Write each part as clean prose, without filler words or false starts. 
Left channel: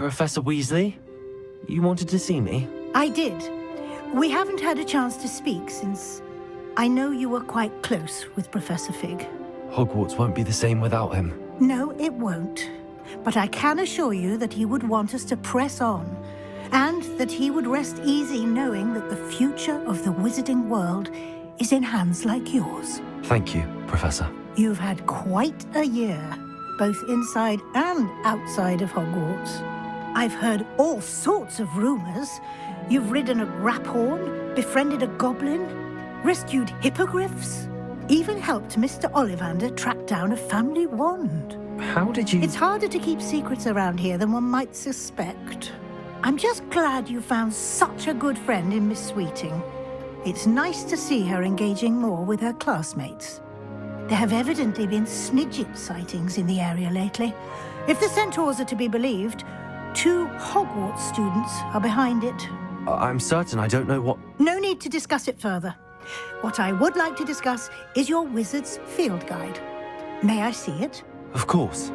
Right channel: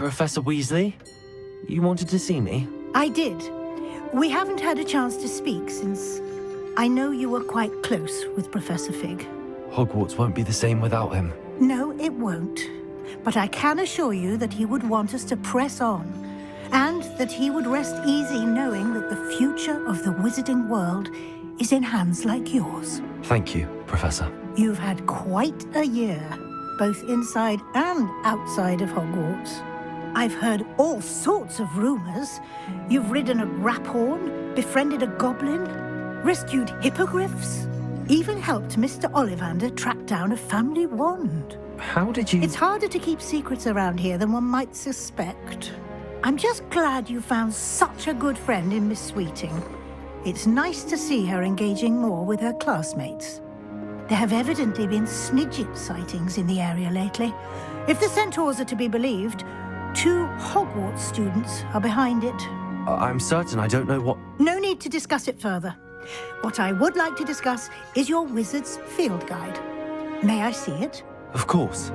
Professor Weasley? You wanted to see me? I did. We haven't had a chance to speak since I know you were quite close with Professor Fig. Hogwarts won't be the same without him. No, it won't. But I can assure you that he would want us to press on, and that he would rest easy knowing that the future of the wizarding world is in hands like yours. Thank you, Professor. You've had quite a year, both inside and outside of Hogwarts. I've heard all sorts of rumors. You've ridden a graphorn, befriended a goblin, rescued hippogriffs, even helped Mr. Ollivander track down a family wand. How did you... It's harder to keep secrets around here than one might suspect. I'm just glad you found such a good friend in Miss Sweeting. It's nice to see her engaging more with her classmates. There have evidently been Snidget sightings in the area lately. If the centaurs are to be believed, 2 Hogwarts students are behind it. I'm certain I don't know what... No need to discuss it further. What I would like to discuss is your wizard's field guide. May I see it? Of course.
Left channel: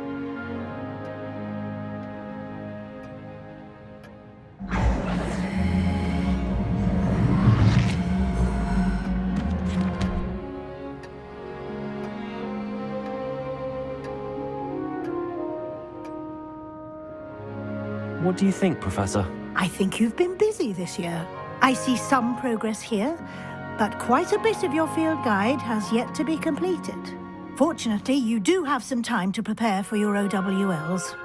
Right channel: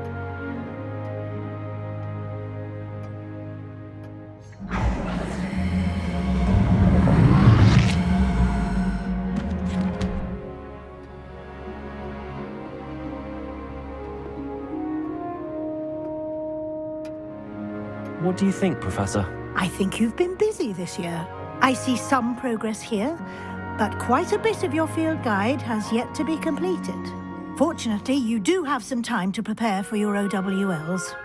What do you think, Professor? I think you've been busy this year. I see some progress here, but quite a bit of your field guide has yet to be completed. Fortunately, you do have some time to prepare for your OWLs.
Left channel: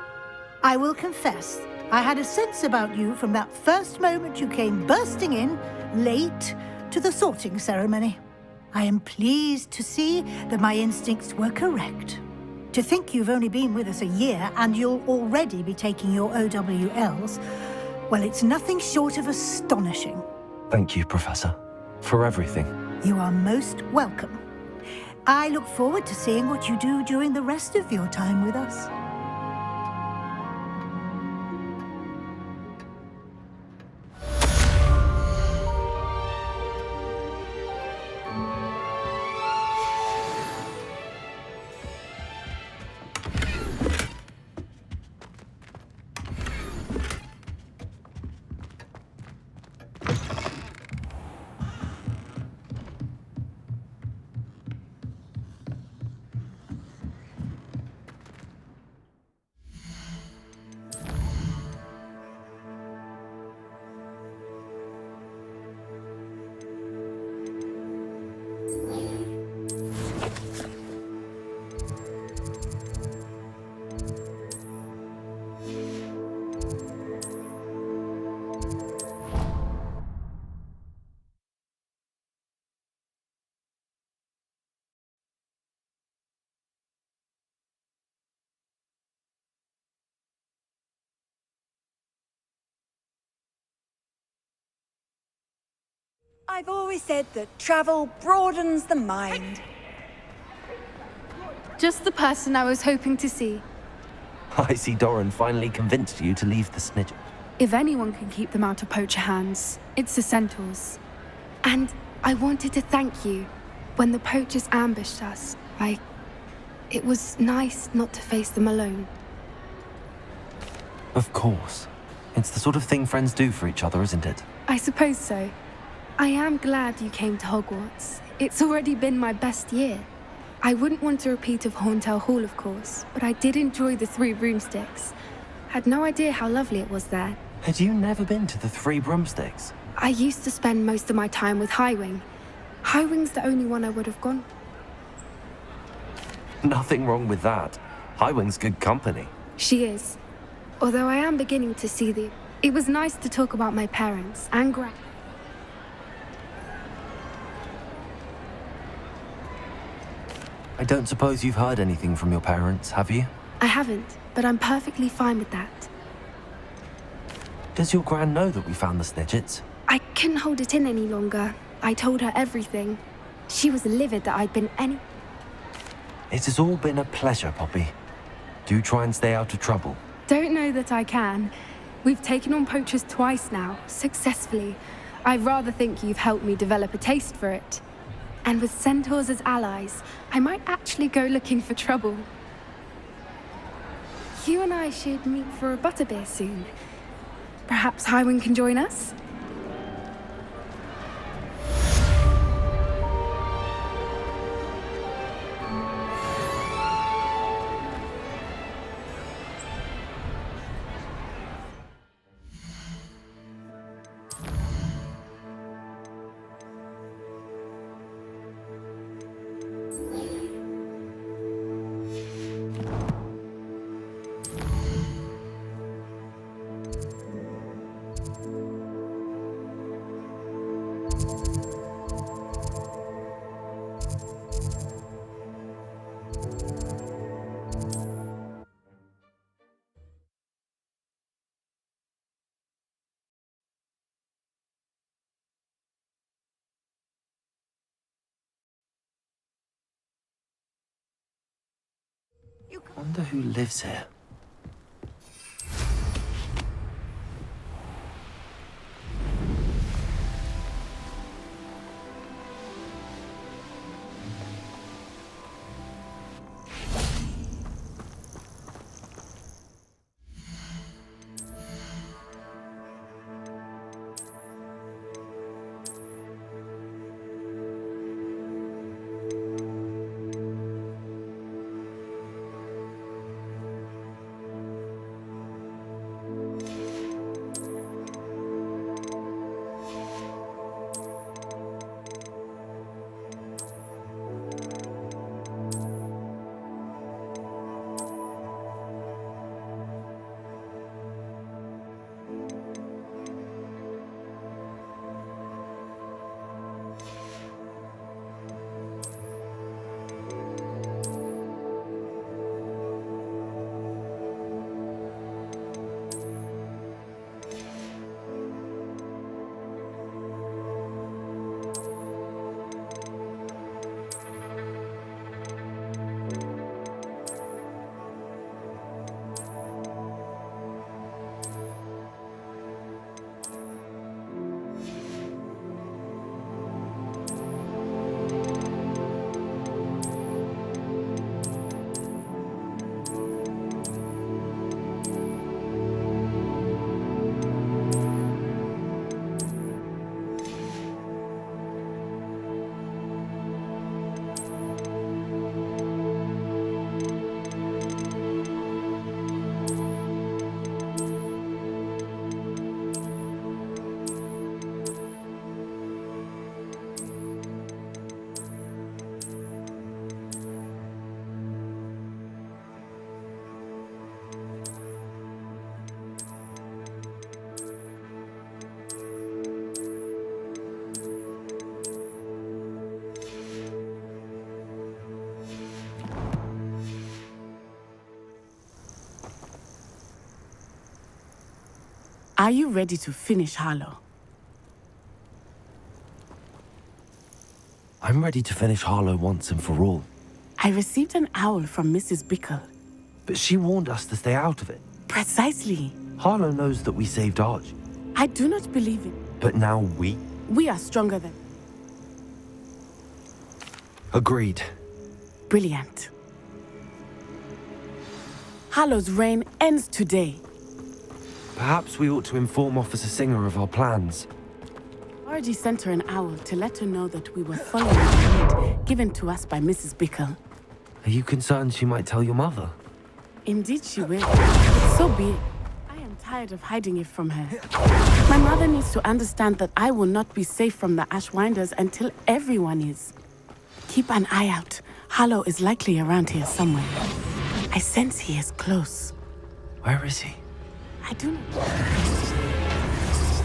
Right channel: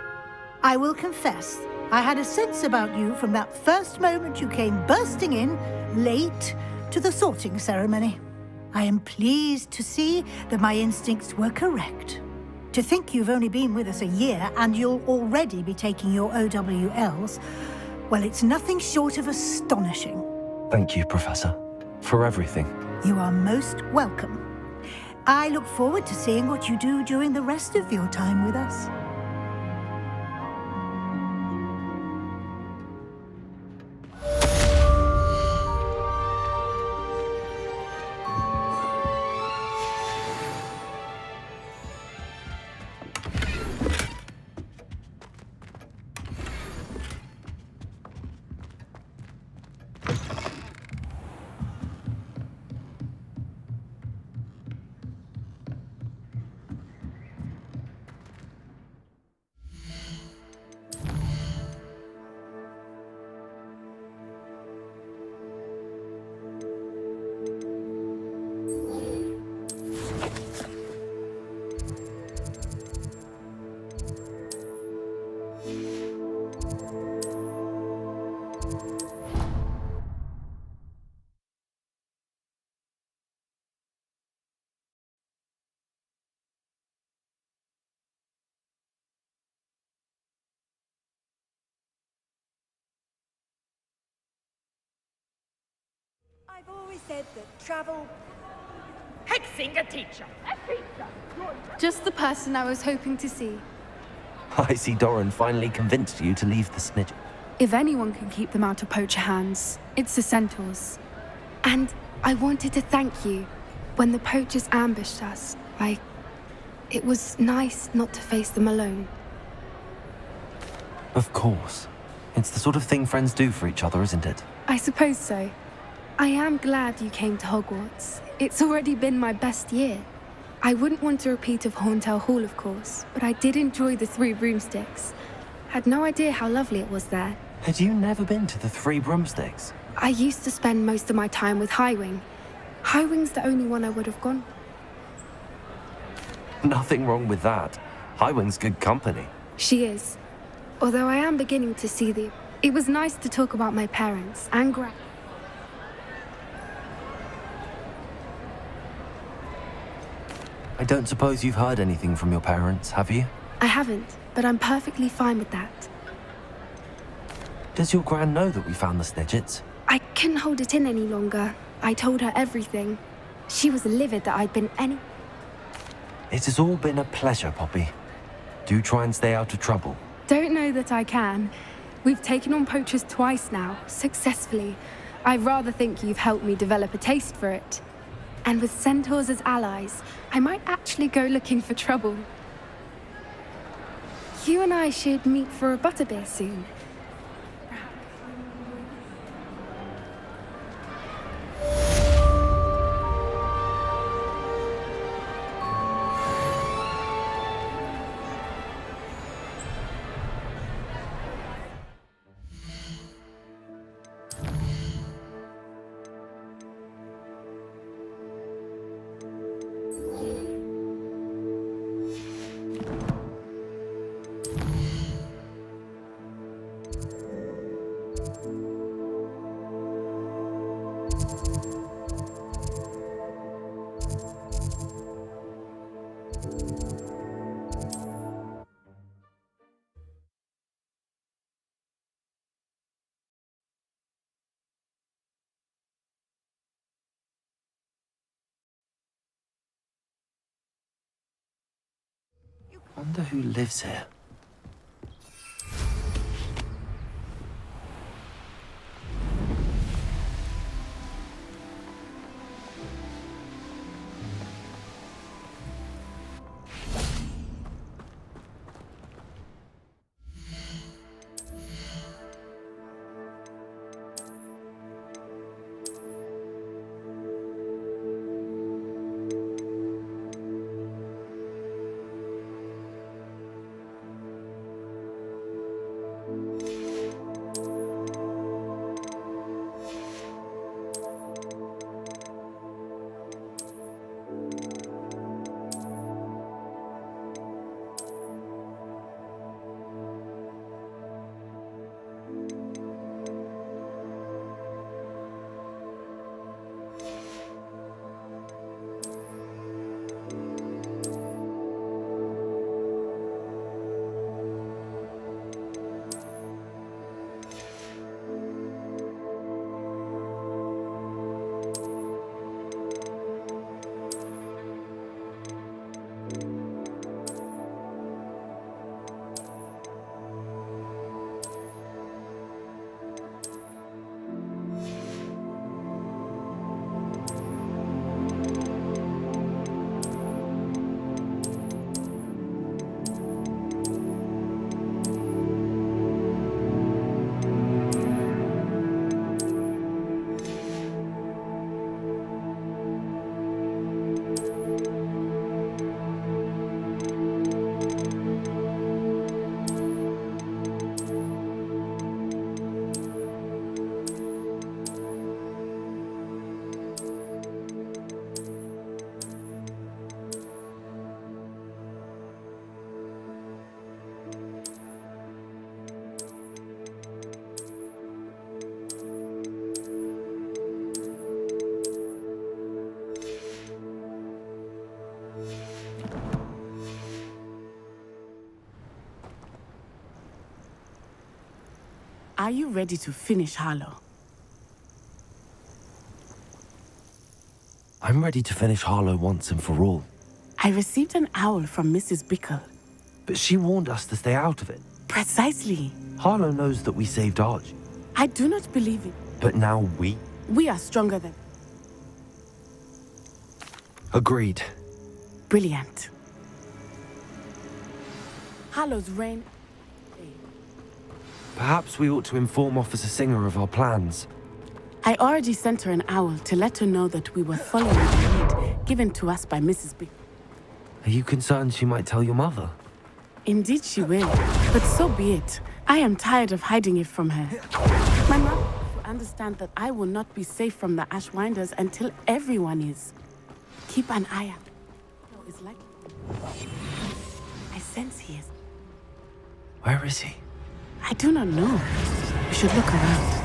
I will confess, I had a sense about you from that first moment you came bursting in, late, to the sorting ceremony. I am pleased to see that my instincts were correct. To think you've only been with us a year and you'll already be taking your OWLs, well, it's nothing short of astonishing. Thank you, Professor, for everything. You are most welcome. I look forward to seeing what you do during the rest of your time with us. I've always said that travel broadens the mind. Just the person I was hoping to see. I see Doran finally convinced you to leave the Snidget. If anyone can keep them out of poacher hands, it's the centaurs. And I wanted to thank you. When the poachers ambushed us, it was nice not to face them alone. Of course. It's the sort of thing friends do for each other, isn't it? I suppose so. I am glad you came to Hogwarts. It's already been my best year. I wouldn't want a repeat of Horntail Hall, of course, but I did enjoy the 3 broomsticks. Had no idea how lovely it was there. Had you never been to the 3 broomsticks? I used to spend most of my time with Highwing. Highwing's the only one I would have gone. Nothing wrong with that. Highwing's good company. She is. Although I am beginning to see the... It was nice to talk about my parents and I don't suppose you've heard anything from your parents, have you? I haven't, but I'm perfectly fine with that. Does your gran know that we found the Snidgets? I couldn't hold it in any longer. I told her everything. She was livid that I'd been any... It has all been a pleasure, Poppy. Do try and stay out of trouble. Don't know that I can. We've taken on poachers twice now, successfully. I rather think you've helped me develop a taste for it. And with centaurs as allies, I might actually go looking for trouble. You and I should meet for a butterbeer soon. Perhaps Highwind can join us? Wonder who lives here. Are you ready to finish Harlow? I'm ready to finish Harlow once and for all. I received an owl from Mrs. Bickle. But she warned us to stay out of it. Precisely. Harlow knows that we saved Arch. I do not believe it. But now we? We are stronger than... Agreed. Brilliant. Harlow's reign ends today. Perhaps we ought to inform Officer Singer of our plans. I already sent her an owl to let her know that we were following the lead given to us by Mrs. Bickle. Are you concerned she might tell your mother? Indeed she will, but so be it. I am tired of hiding it from her. My mother needs to understand that I will not be safe from the Ashwinders until everyone is. Keep an eye out. Harlow is likely around here somewhere. I sense he is close. Where is he? I do not know. We should look around.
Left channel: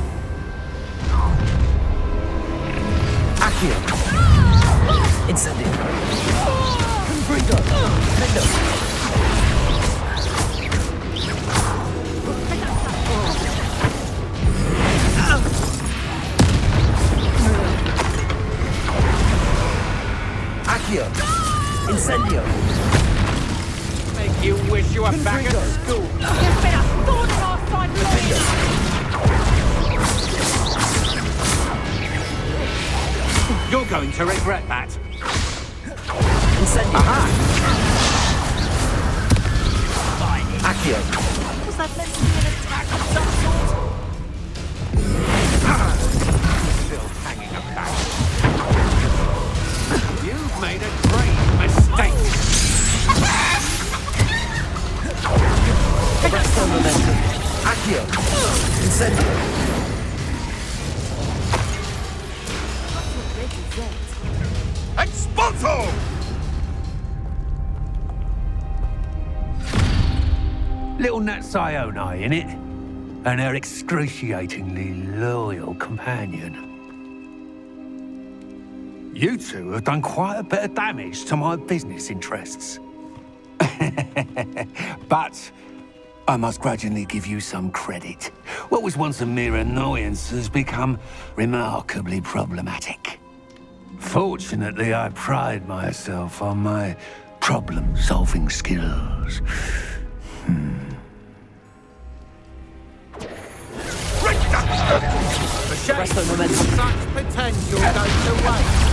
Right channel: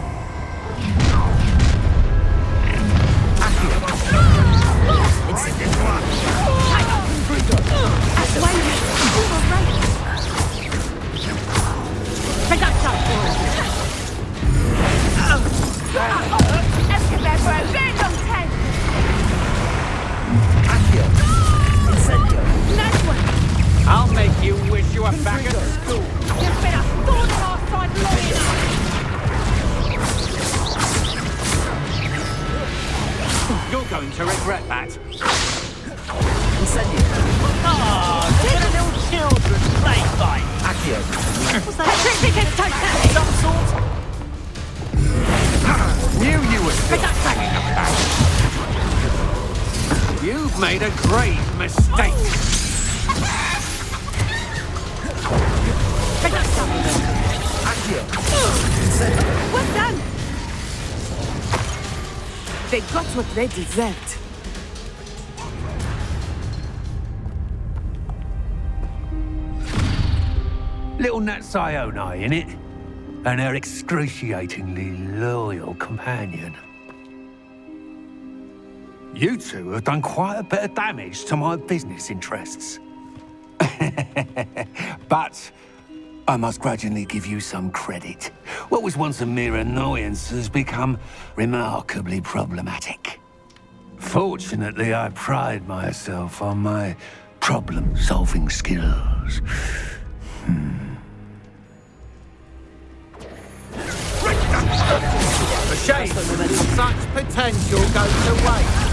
Accio! Incendio! Confringo! Accio! Incendio! I'll make you wish you were back at school. There's been a thorn in our side lawyer! You're going to regret that. Incendio! Accio! Was that trick taking a touchdown? Some sort. Knew you were still hanging about. You've made a grave mistake. They got what they deserved. Expulso! Little Nat Sione, innit? And her excruciatingly loyal companion. You two have done quite a bit of damage to my business interests. But I must grudgingly give you some credit. What was once a mere annoyance has become remarkably problematic. Fortunately, I pride myself on my problem-solving skills. A shame such potential goes to waste.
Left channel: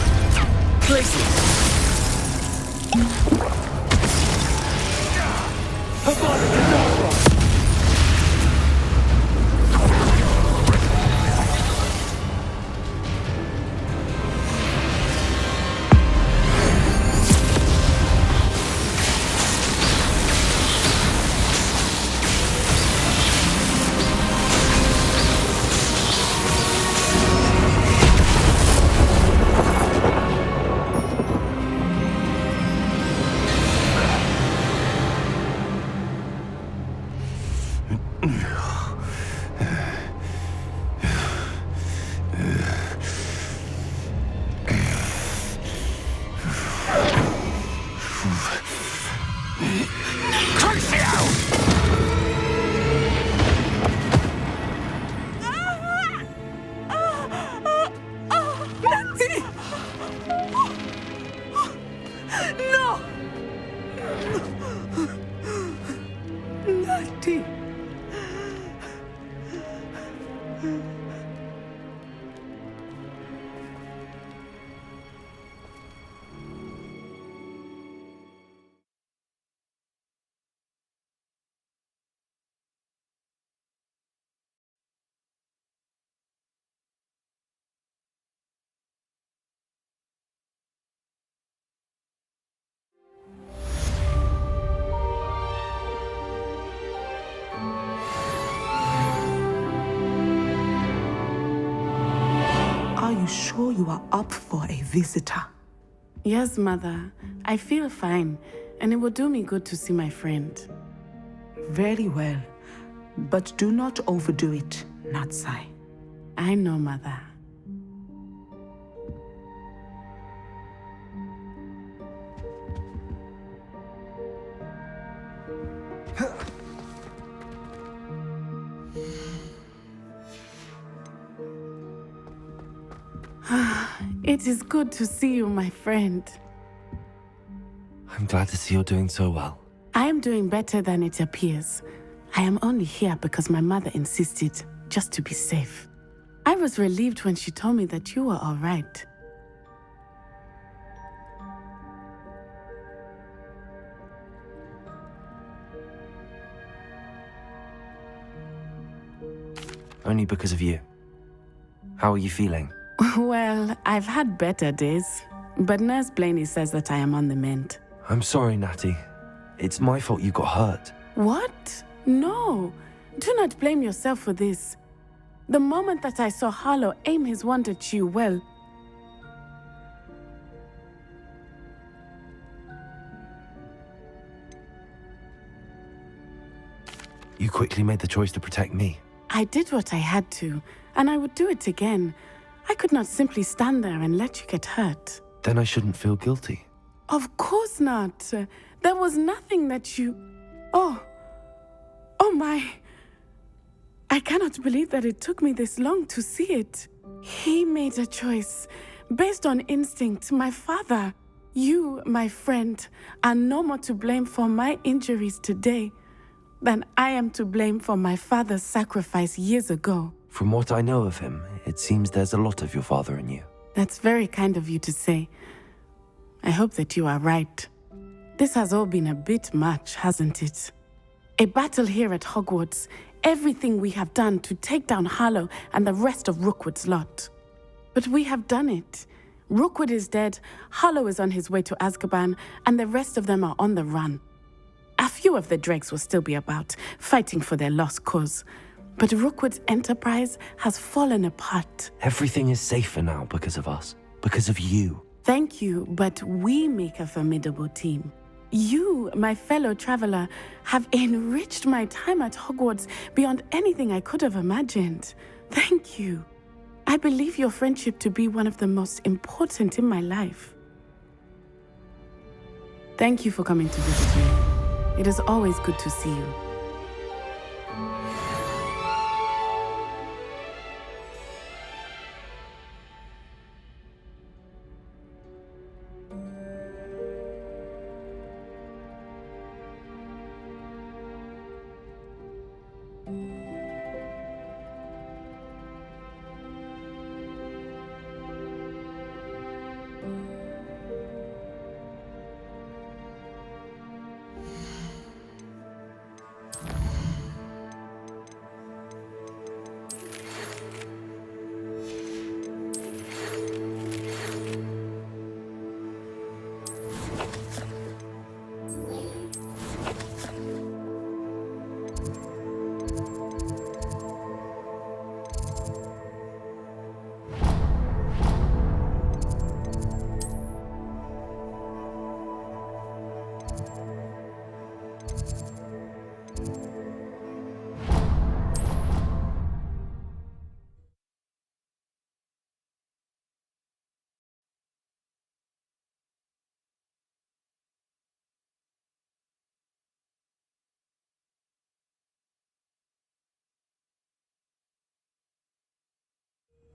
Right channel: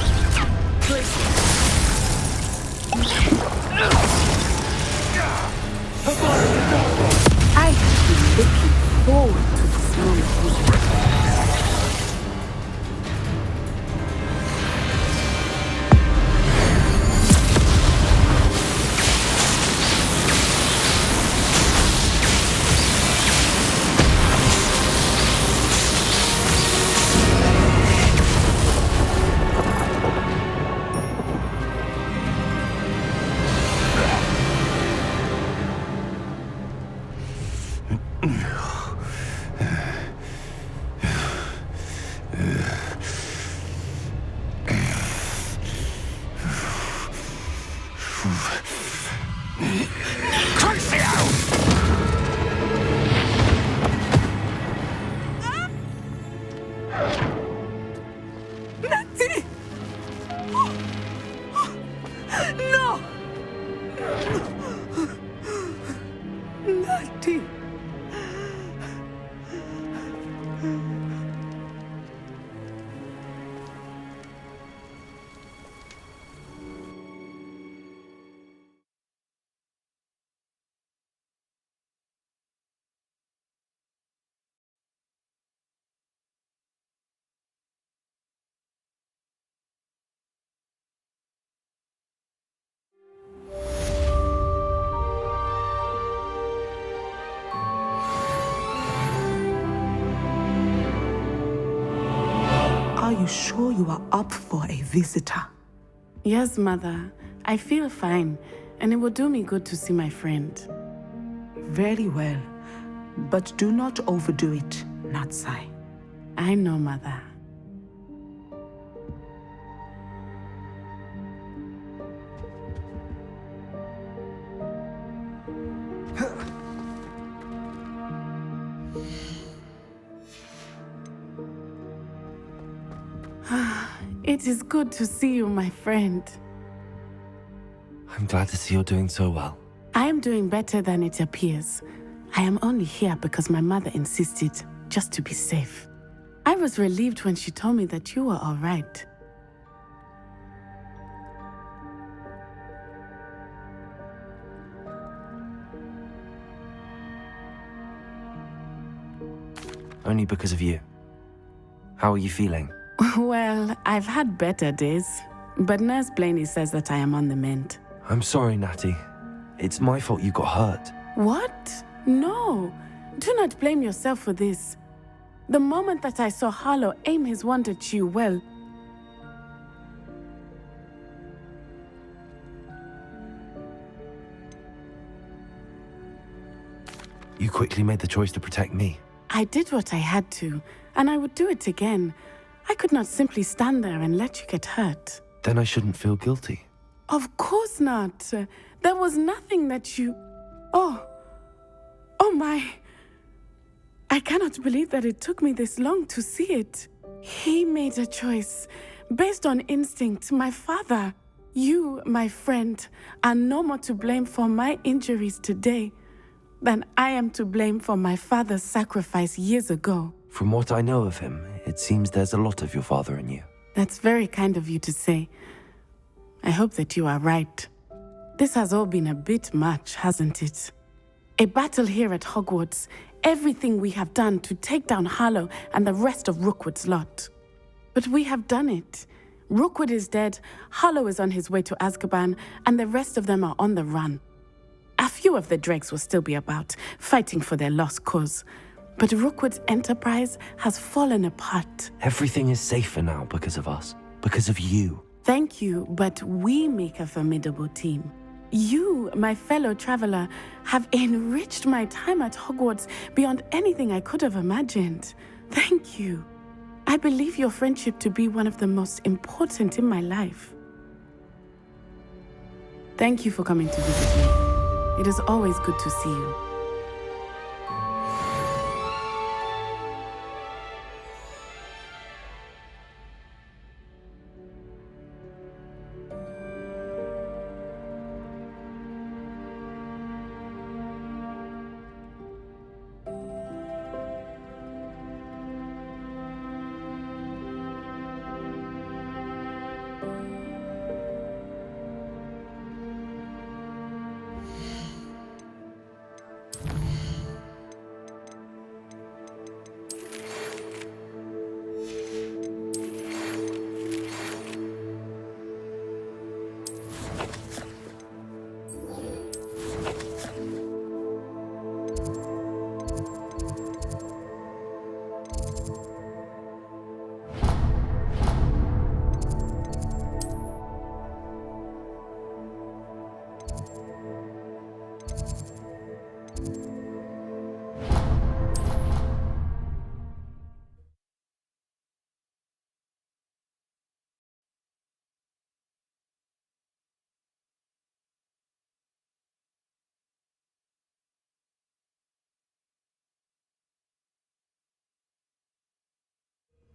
Are you sure you are up for a visitor? Yes, Mother. I feel fine, and it will do me good to see my friend. Very well. But do not overdo it, Natsai. I know, Mother. It is good to see you, my friend. I'm glad to see you're doing so well. I am doing better than it appears. I am only here because my mother insisted, just to be safe. I was relieved when she told me that you were all right. Only because of you. How are you feeling? Well, I've had better days, but Nurse Blaney says that I am on the mend. I'm sorry, Natty. It's my fault you got hurt. What? No. Do not blame yourself for this. The moment that I saw Harlow aim his wand at you, well... You quickly made the choice to protect me. I did what I had to, and I would do it again. I could not simply stand there and let you get hurt. Then I shouldn't feel guilty. Of course not. There was nothing that you... Oh my... I cannot believe that it took me this long to see it. He made a choice based on instinct. My father, you, my friend, are no more to blame for my injuries today than I am to blame for my father's sacrifice years ago. From what I know of him, it seems there's a lot of your father in you. That's very kind of you to say. I hope that you are right. This has all been a bit much, hasn't it? A battle here at Hogwarts. Everything we have done to take down Harlow and the rest of Rookwood's lot. But we have done it. Rookwood is dead, Harlow is on his way to Azkaban, and the rest of them are on the run. A few of the dregs will still be about, fighting for their lost cause. But Rookwood's enterprise has fallen apart. Everything is safer now because of us. Because of you. Thank you, but we make a formidable team. You, my fellow traveler, have enriched my time at Hogwarts beyond anything I could have imagined. Thank you. I believe your friendship to be one of the most important in my life. Thank you for coming to visit me. It is always good to see you.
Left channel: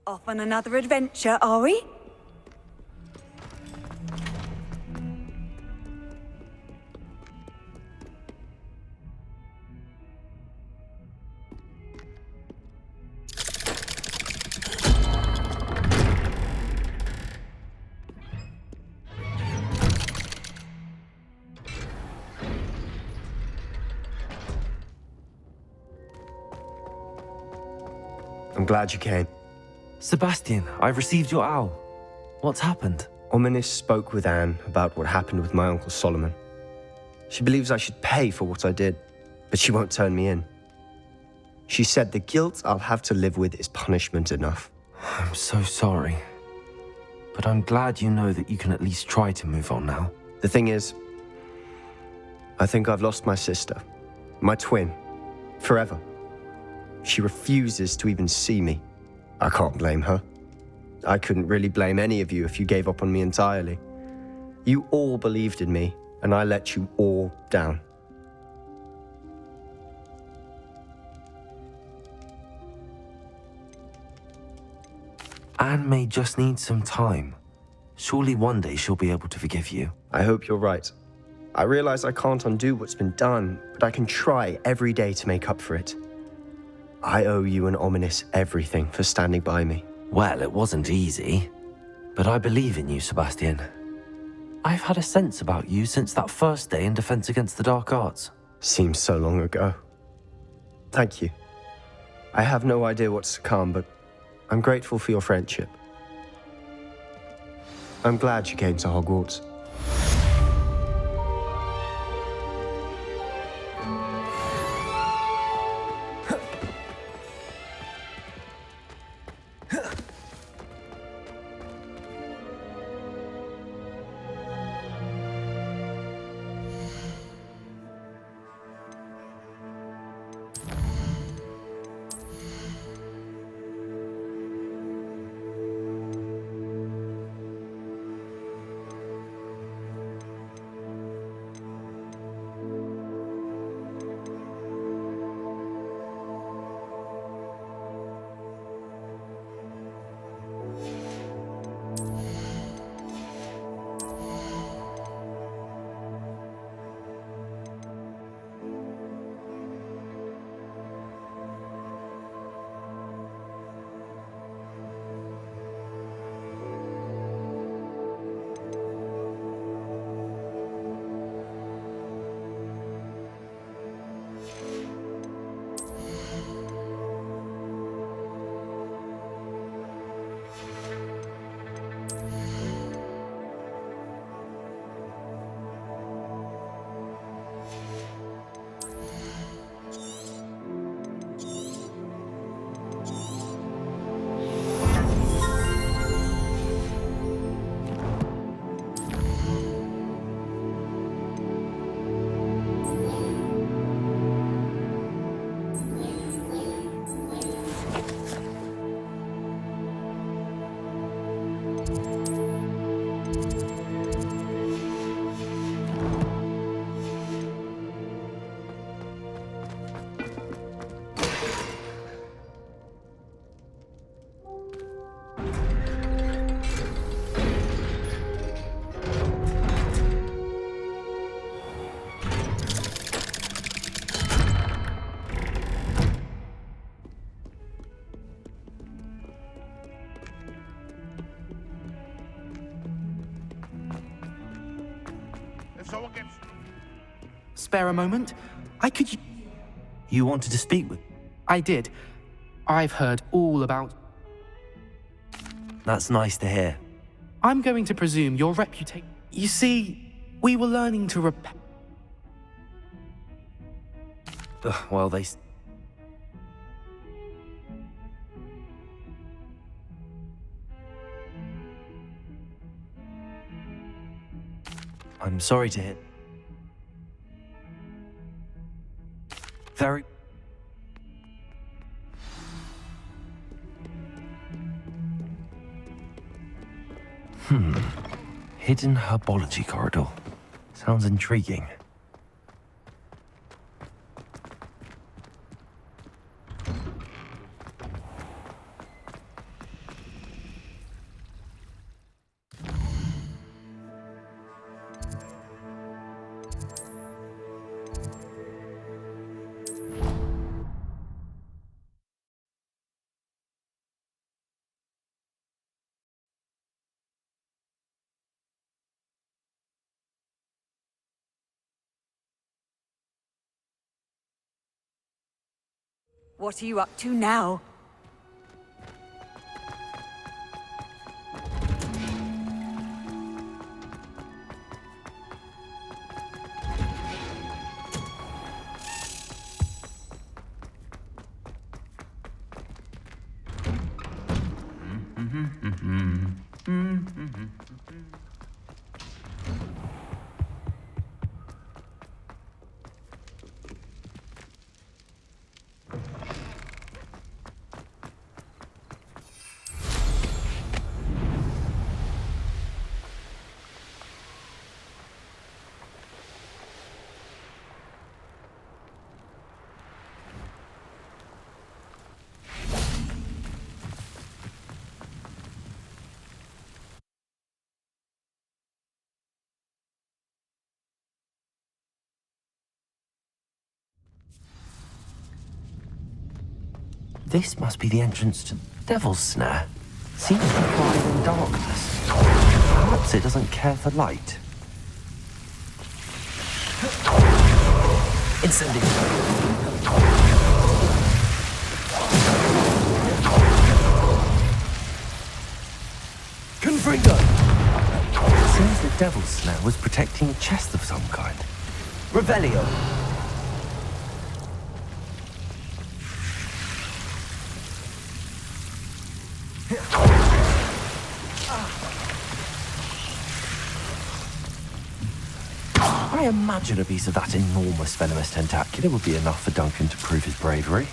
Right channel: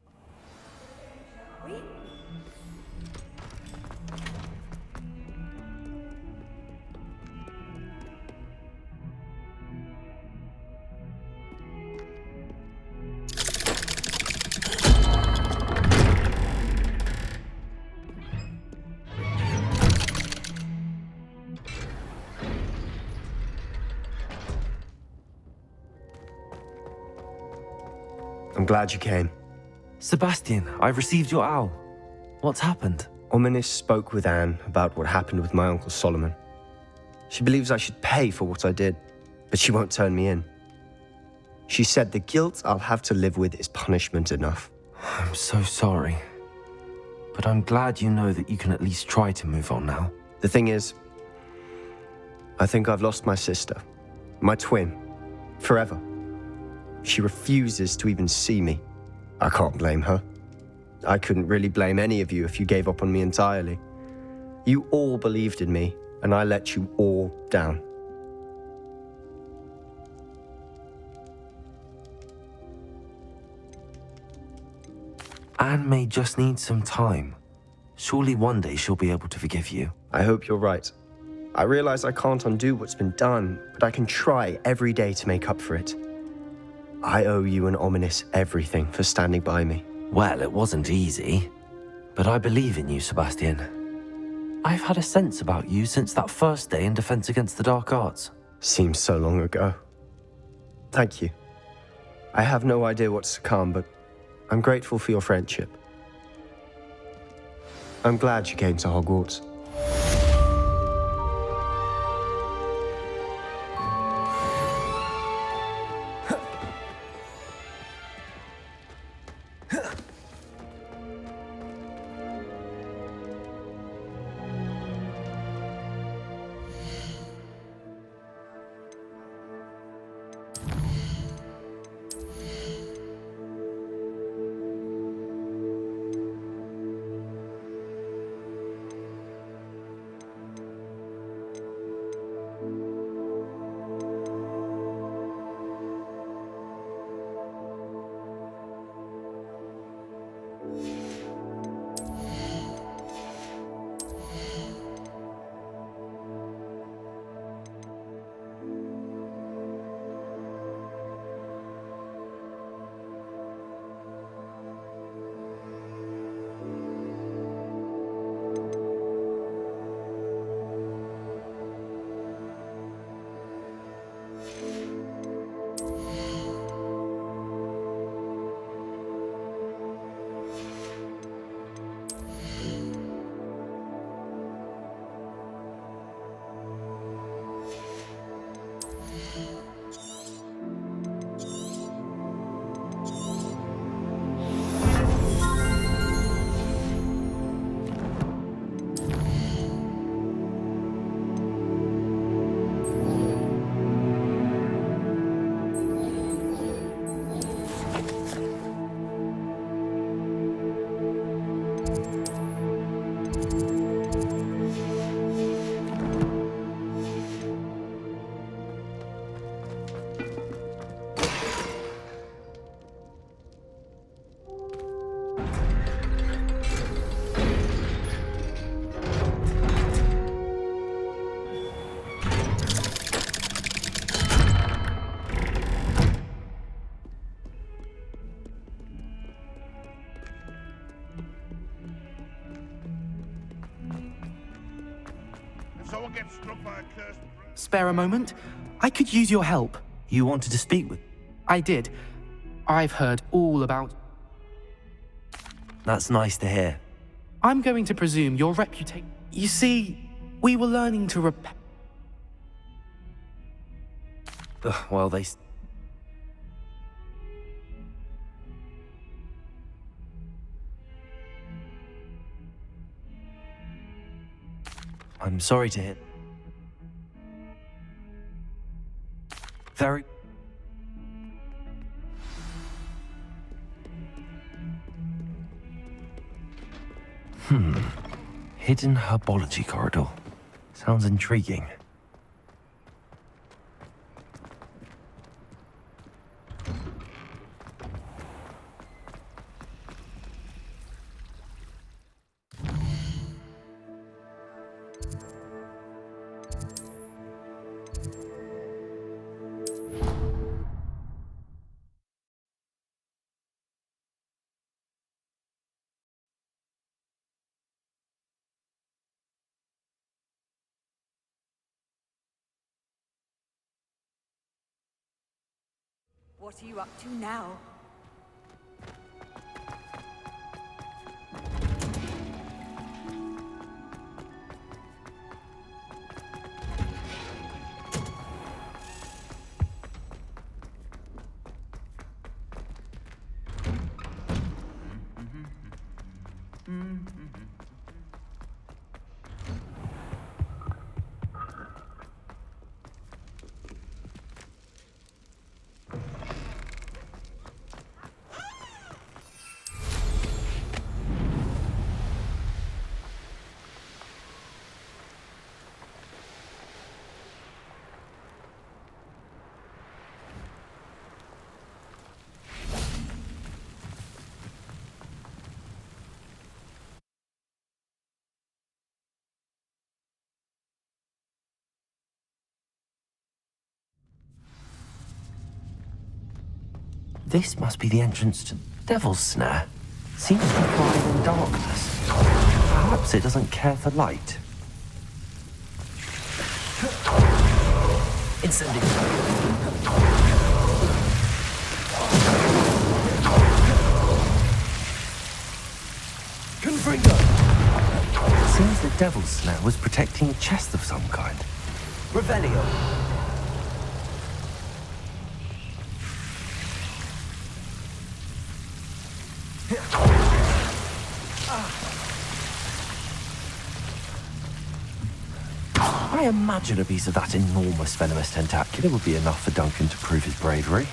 Off on another adventure, are we? I'm glad you came. Sebastian, I received your owl. What's happened? Ominis spoke with Anne about what happened with my Uncle Solomon. She believes I should pay for what I did, but she won't turn me in. She said the guilt I'll have to live with is punishment enough. I'm so sorry. But I'm glad you know that you can at least try to move on now. The thing is, I think I've lost my sister, my twin, forever. She refuses to even see me. I can't blame her. I couldn't really blame any of you if you gave up on me entirely. You all believed in me, and I let you all down. Anne may just need some time. Surely one day she'll be able to forgive you. I hope you're right. I realize I can't undo what's been done, but I can try every day to make up for it. I owe you and Ominis everything for standing by me. Well, it wasn't easy, but I believe in you, Sebastian. I've had a sense about you since that first day in Defense Against the Dark Arts. Seems so long ago. Thank you. I have no idea what's to come, but I'm grateful for your friendship. I'm glad you came to Hogwarts. spare a moment? I could use your help. You wanted to speak with... I did. I've heard all about... That's nice to hear. I'm going to presume your reputation... You see, we were learning to repair... Well, they... I'm sorry to hear... Very... Hidden herbology corridor. Sounds intriguing. What are you up to now? This must be the entrance to Devil's Snare. Seems to thrive in darkness. Perhaps it doesn't care for light. Incendiary. Confringo! Seems the Devil's Snare was protecting a chest of some kind. Revelio! I imagine a piece of that enormous venomous tentacula would be enough for Duncan to prove his bravery.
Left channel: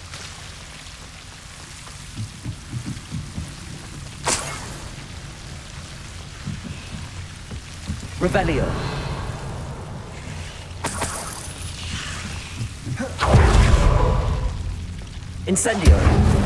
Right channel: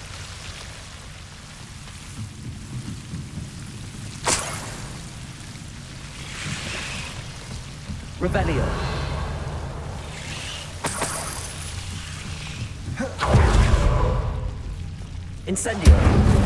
Revelio. Incendio.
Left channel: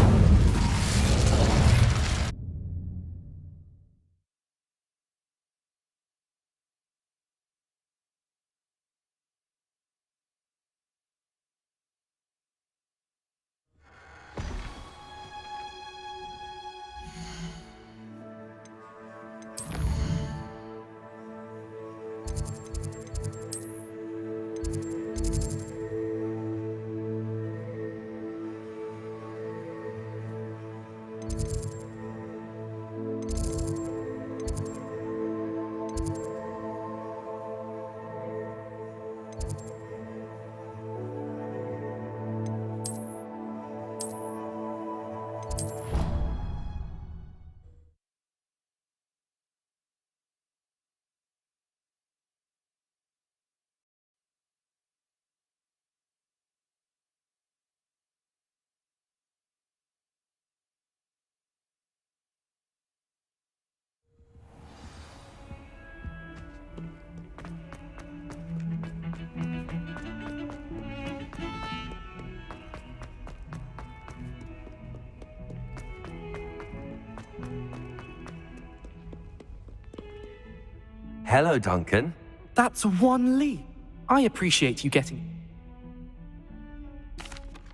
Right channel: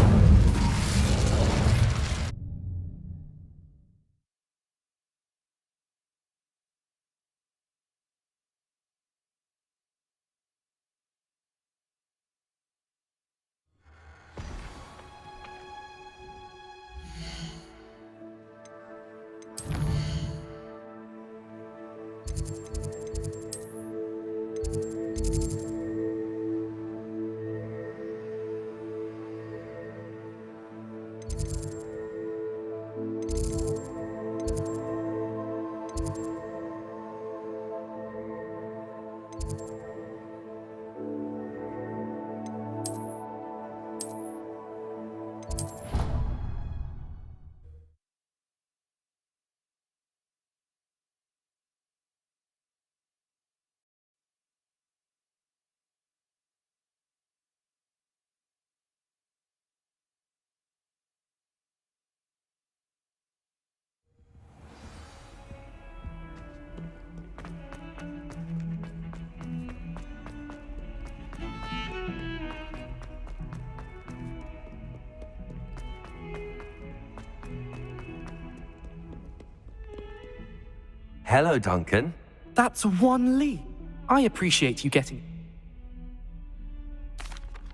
Hello, Duncan. That's one leap. I appreciate you getting...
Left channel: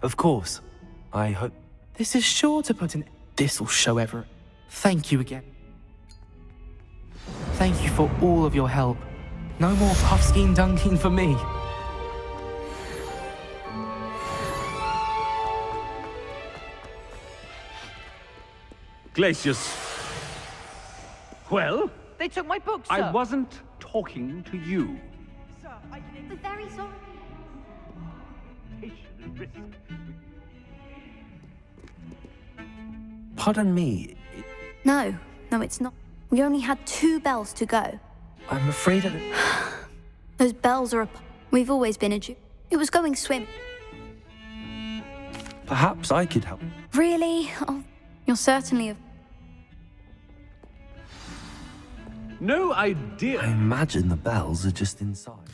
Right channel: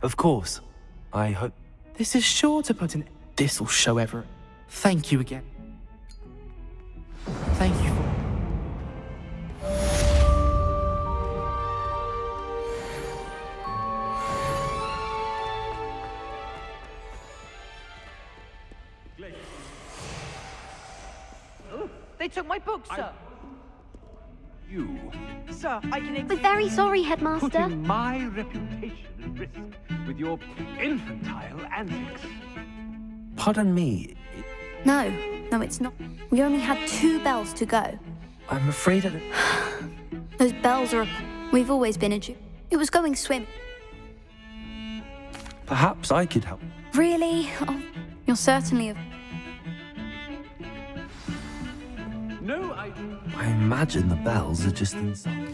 Of course. I hope... This is sure to put an... This'll show Everett. Thank you again. Thank you for all of your help. No more puffskein dunking for me. Glacius. Well? They took my book, sir. I wasn't talking to you. Sir, I can... We're very sorry, Headmaster. Putting my reputation at risk with your infantile antics. Pardon me. No, it's not. We only had 2 bells to go. I'm afraid of it. Those bells are We've always been a Jew. It was going swim. Perhaps I could help. Really? Oh, you're certainly a... No idea. I imagine the bells are just inside.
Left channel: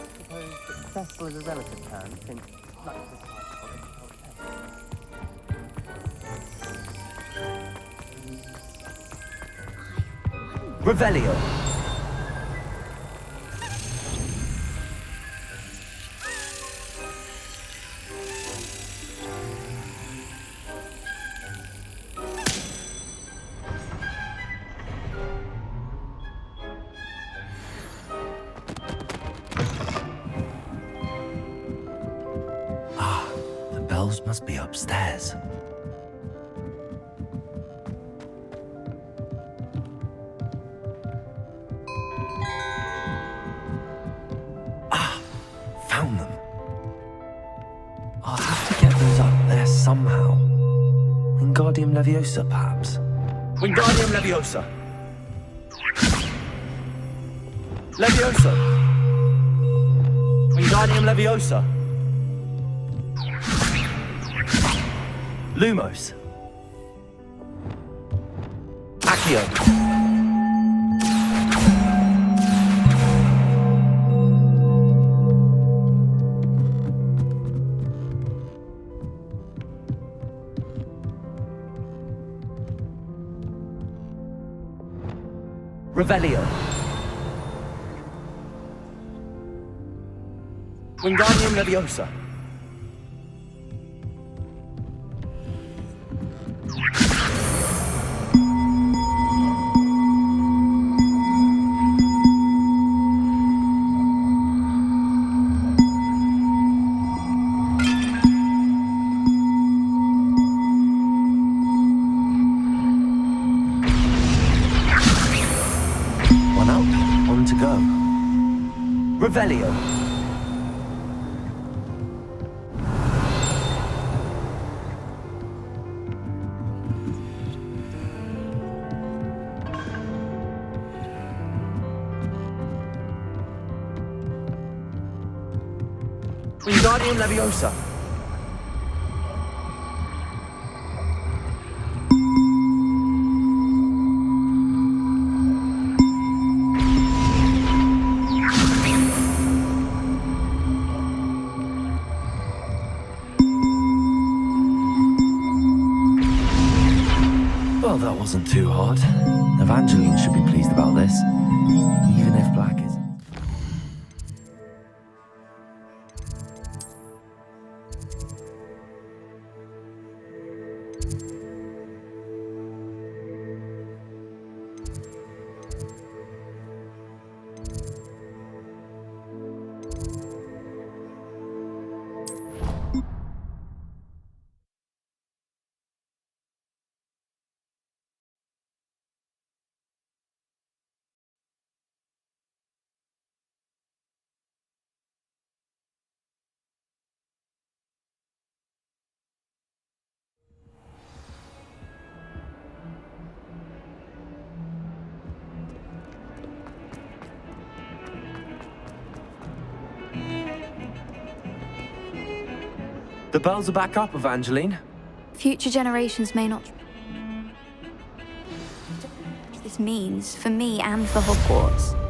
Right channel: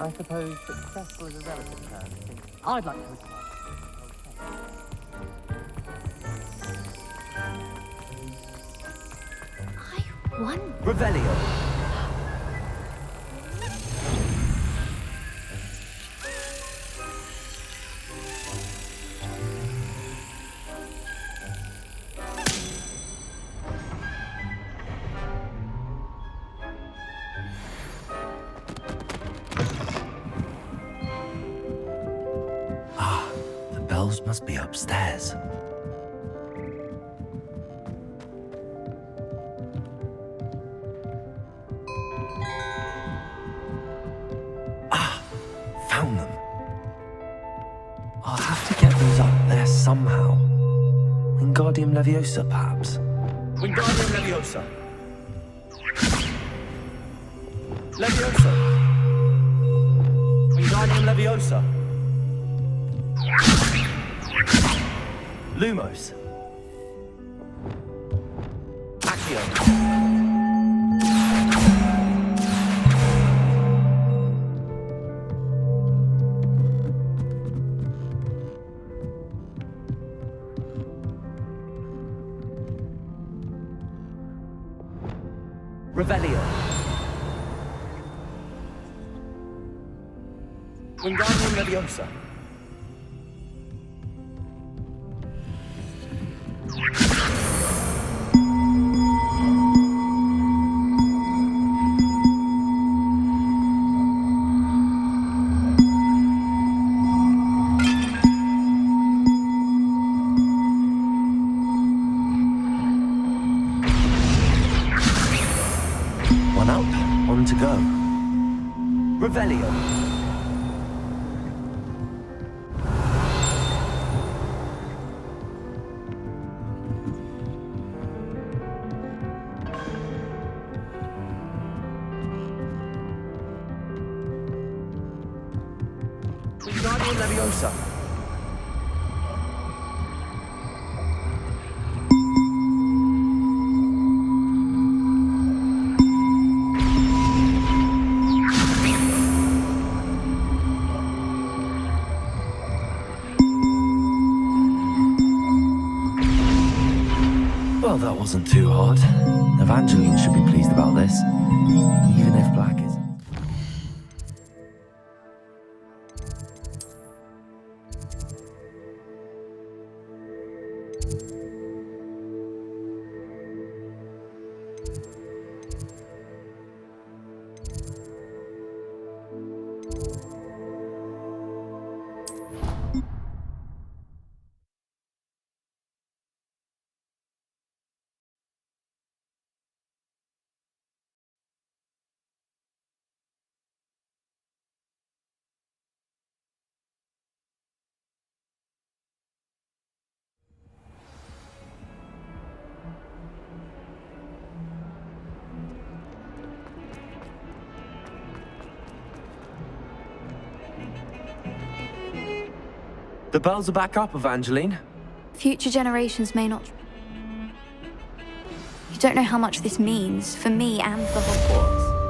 I suppose successful is a relative term, since I'd like to retire I won. Revelio. Must be upstairs. Found them. I'll have to get those up there somehow. Wingardium Leviosa, perhaps. Wingardium Leviosa. Leviosa. Wingardium Leviosa. Lumos. Accio. Revelio. Wingardium Leviosa. One up, on to go. Revelio. Wingardium Leviosa. Well, that wasn't too hard. Evangeline should be pleased about this, even if Black isn't. The bells are back up, Evangeline. Future generations may not... You don't know how much this means for me and for Hogwarts.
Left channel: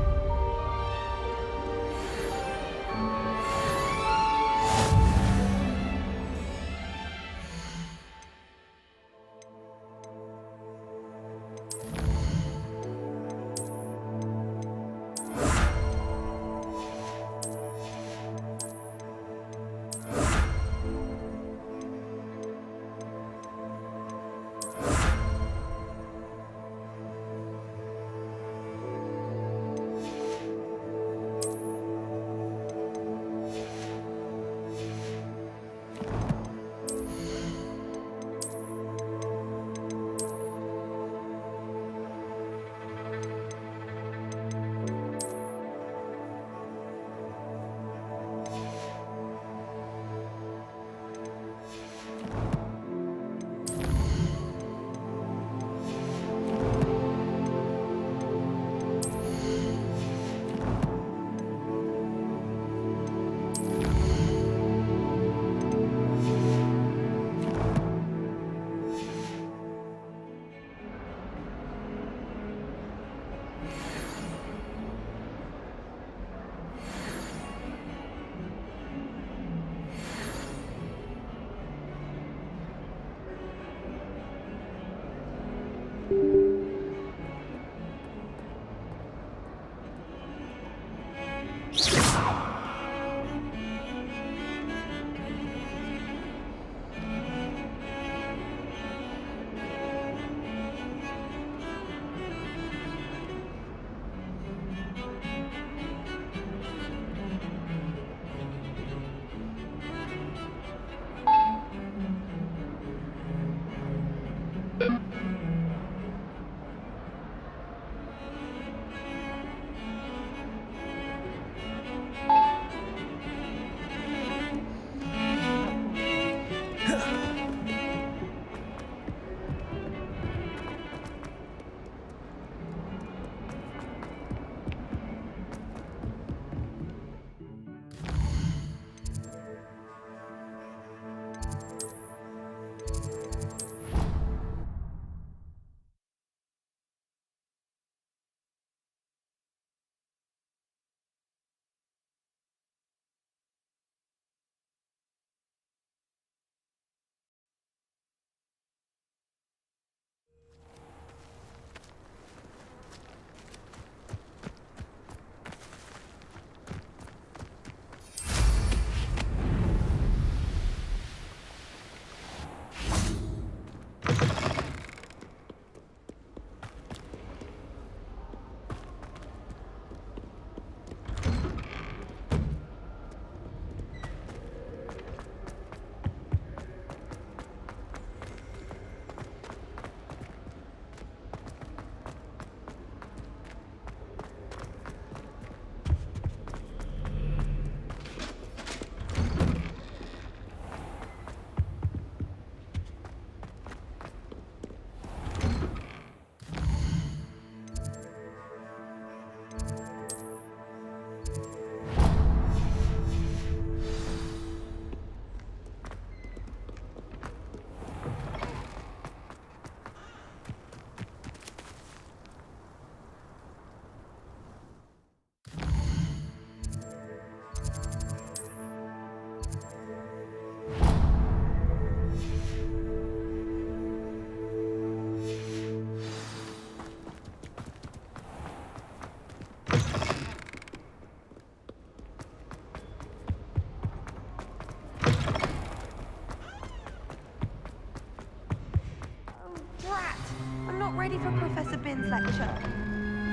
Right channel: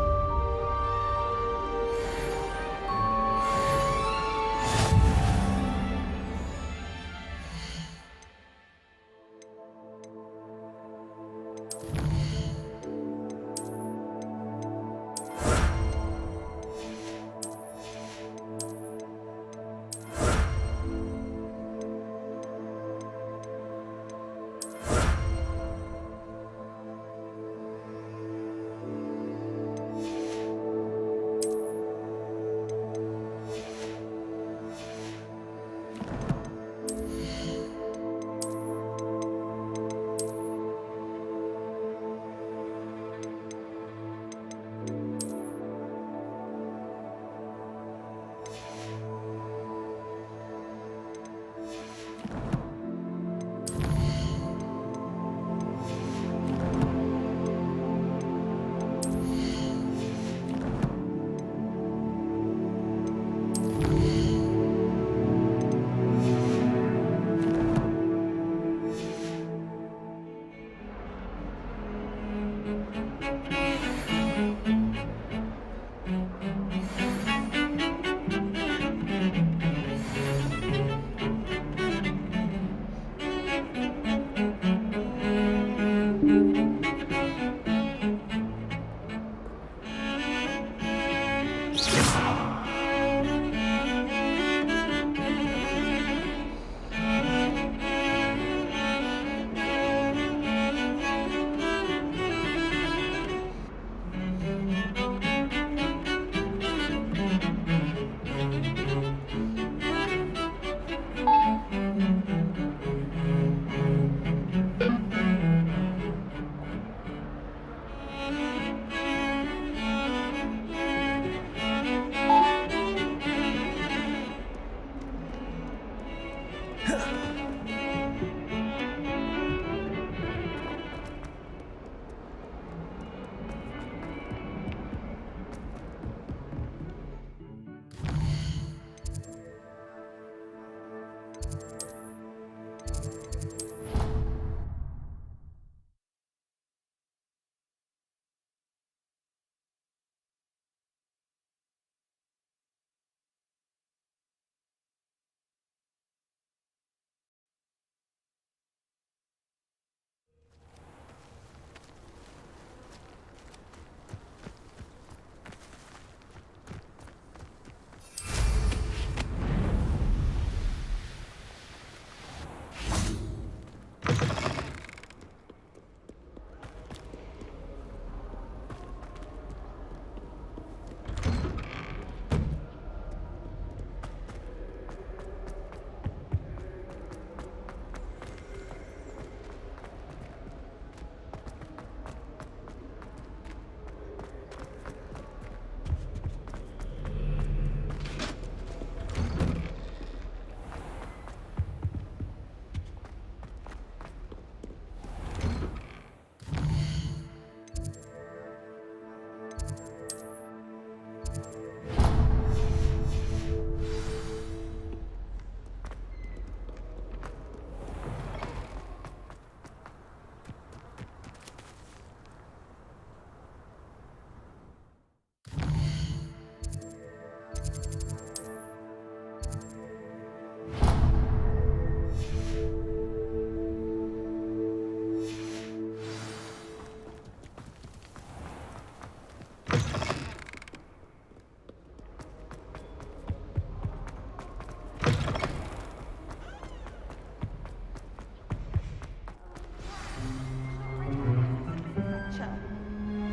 ready for Professor Bin's lecture.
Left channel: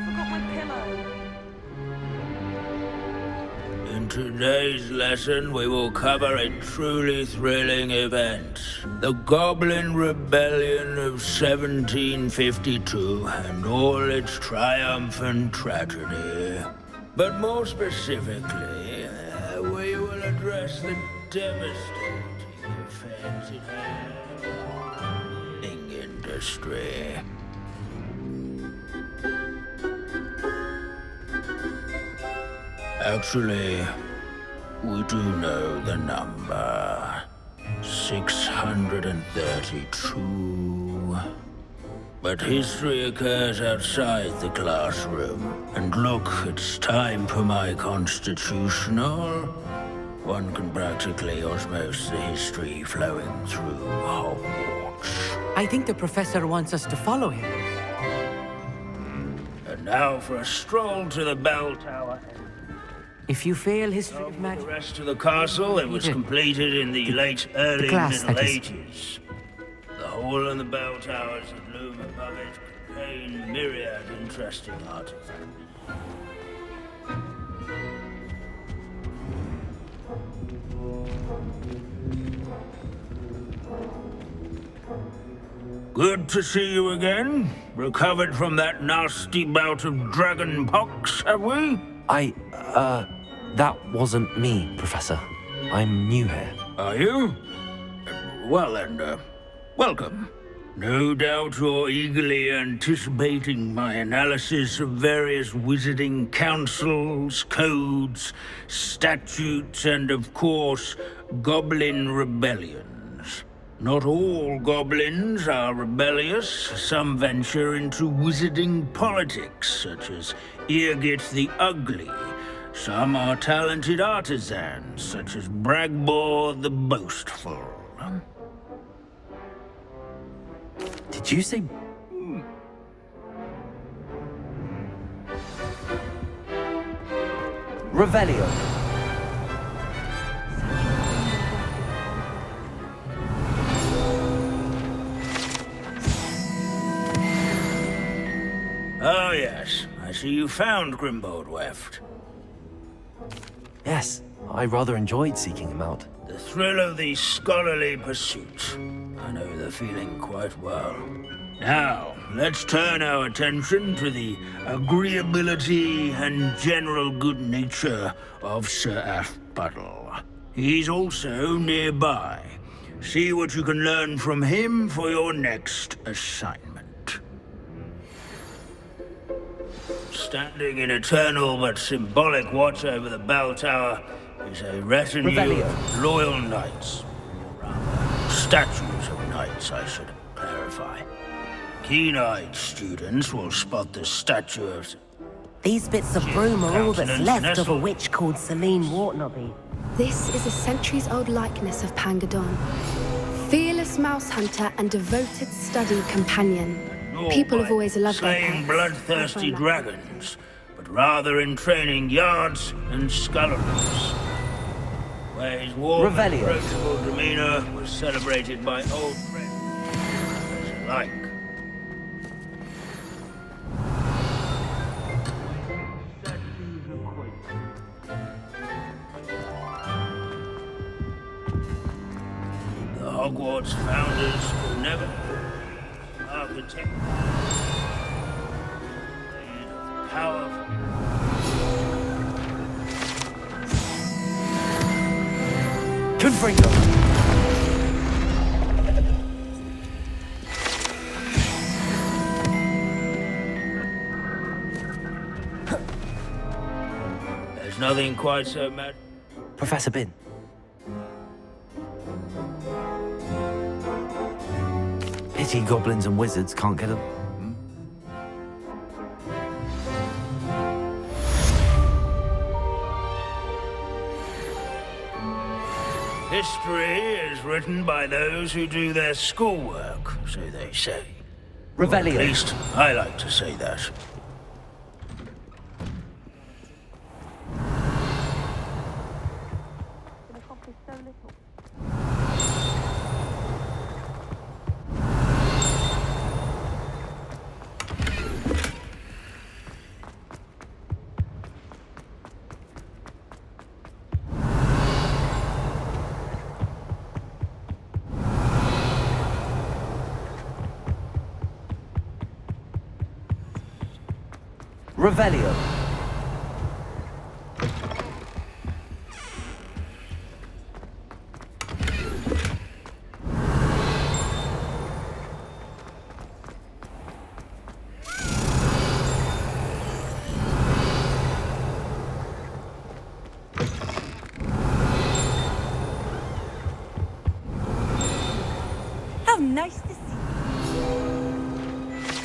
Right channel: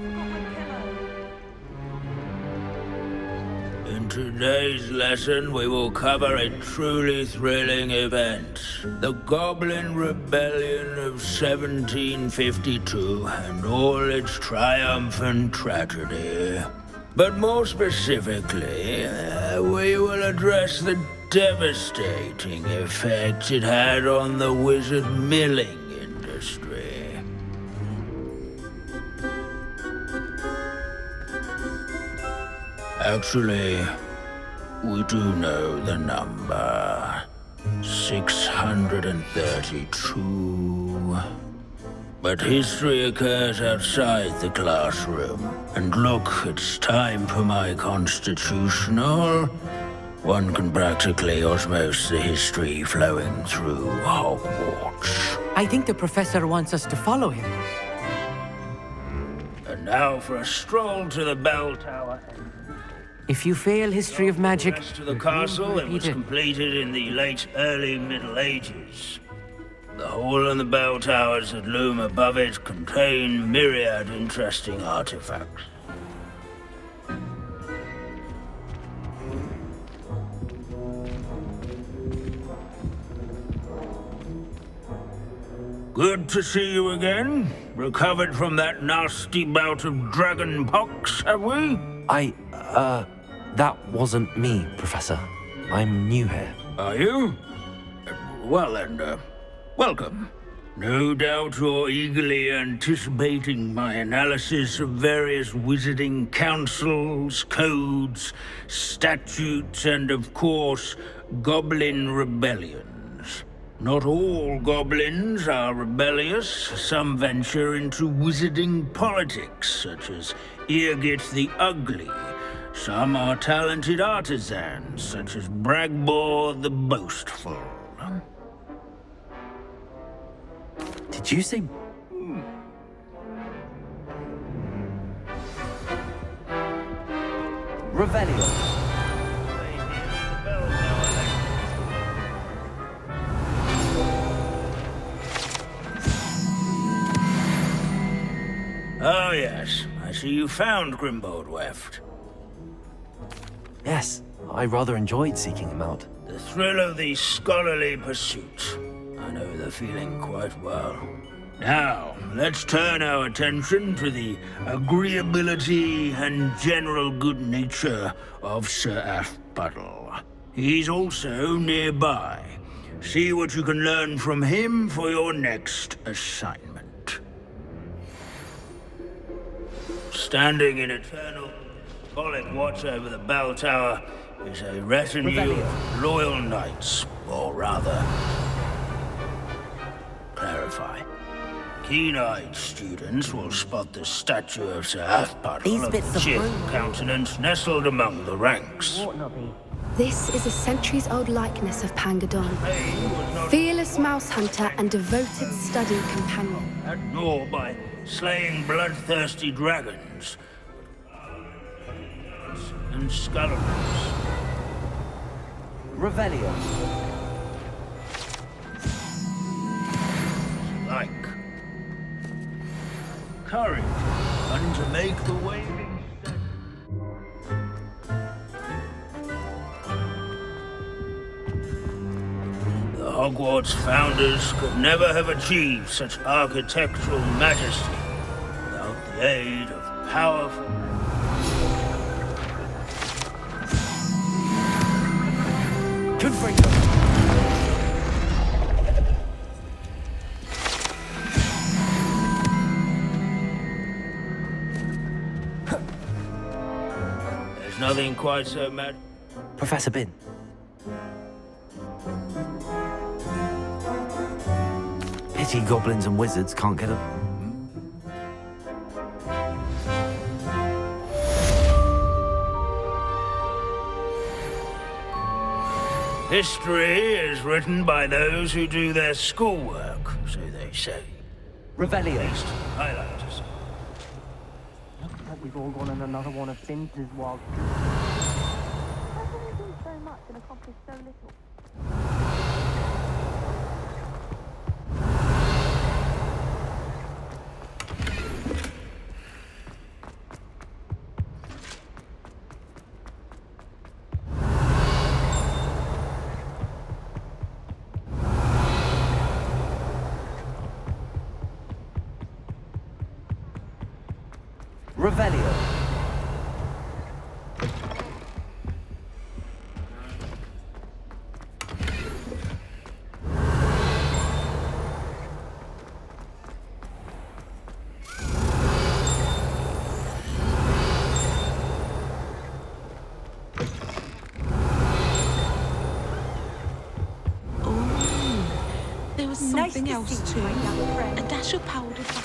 Forgot my pillow. In today's lesson, we will cover a truly thrilling event. The Goblin Rebellion of 1752 and all its triumphant tragedy. But more specifically, we will address the devastating effect it had on the wizard milling industry. Actually, we do know the number. 632. But history occurs outside the classroom. And look, it's time for my constitutional. One can practically osmose the history flowing through Hogwarts. I think the professor wants us to follow him. And now for a stroll to the bell tower. If you fail history of magic... The rest of the castle, it was completed in the late early glass, Middle Ages. The hall and the bell towers that loom above it contain myriad interesting artifacts. Good to see you again. Recovered from that nasty bout of dragon pox, have we? That wasn't me, Professor. I'm new here. Are you? Well then, welcome. No doubt you're eagerly anticipating my analysis of various wizarding councils, codes, statutes, and of course, goblin rebellions. Not all goblins are rebellious. Some venture into wizarding politics, such as Eargit the Ugly. Some are talented artisans, such as Bragbor the Boastful. Did you say... Revelio? Oh yes, I see you found Grimbold Weft. Yes, I rather enjoyed seeking him out. The thrill of the scholarly pursuit. I know the feeling quite well. Now, let's turn our attention to the agreeability and general good nature of Sir Aphbuttle. He's also nearby. See what you can learn from him for your next assignment. Standing in eternal but symbolic watch over the bell tower is a retinue of loyal knights, or rather, statues of knights, I should clarify. Keen-eyed students will spot the statue of Sir Aphbuttle. These bits of broom are all that's left nestled of a witch among called the Celine ranks. Wartnobby. This is a centuries-old likeness of Pangadon. Fearless mouse hunter and devoted study companion. People have always loved slaying bloodthirsty dragons, but rather in training yards and scullerers. Where his warm demeanor was celebrated by old friends alike. Courage, and to make the waving statues The Hogwarts founders could never have achieved such architectural majesty without the aid of powerful... Confringo! There's nothing quite so mad... Professor Bin. Pity goblins and wizards can't get a... History is written by those who do their schoolwork, so they say. Revelio. At least, I like to say that. We've all one and another one of sins is wild. So much and accomplished so little. Revelio. How nice to see you. A dash of powder.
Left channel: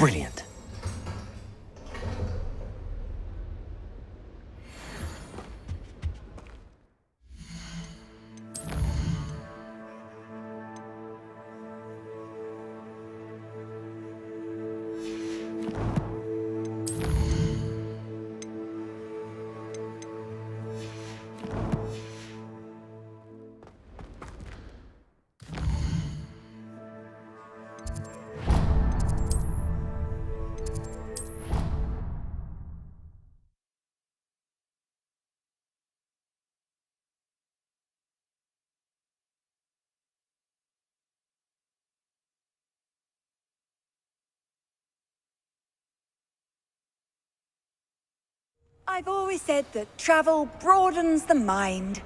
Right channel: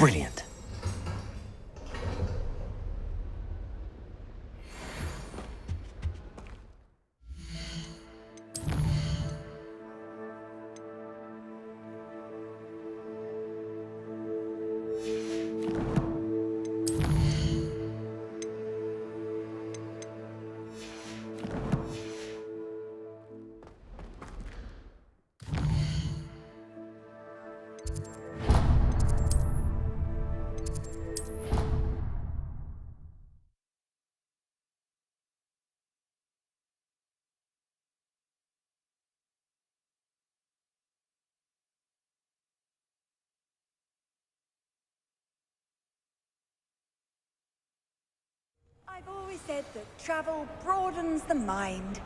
Brilliant. I've always said that travel broadens the mind.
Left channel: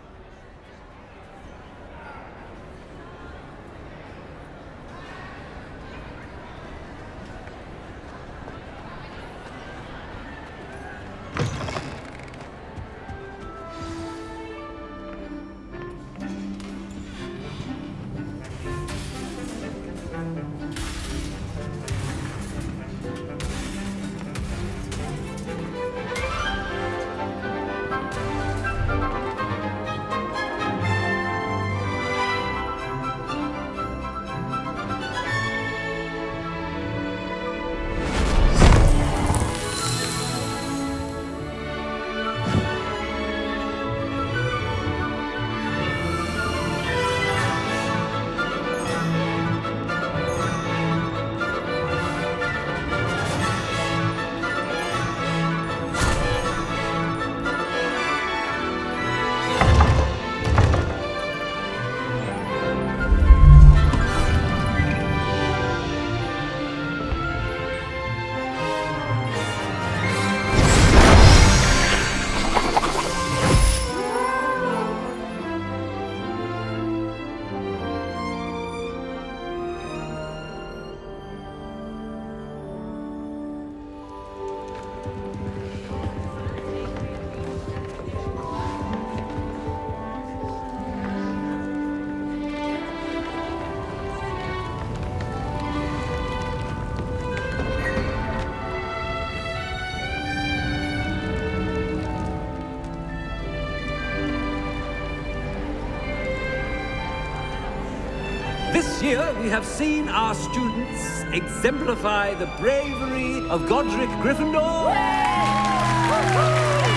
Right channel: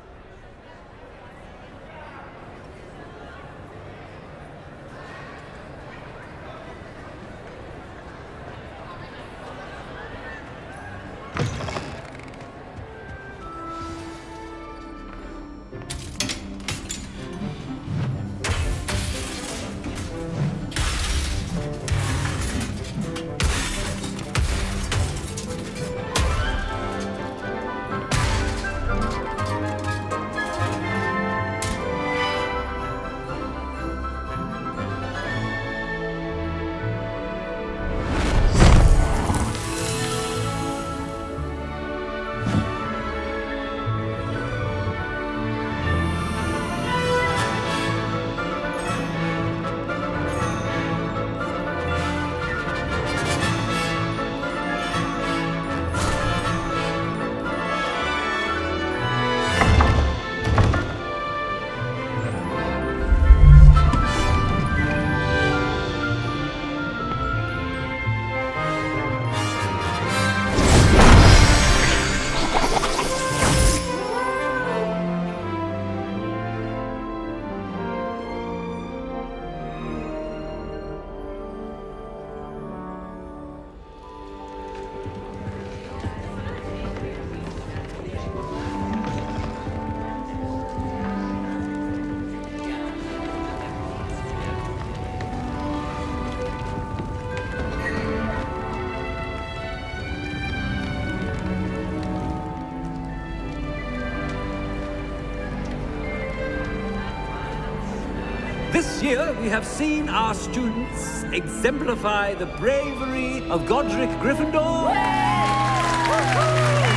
This year, we have seen our students exemplify the bravery of Godric Gryffindor.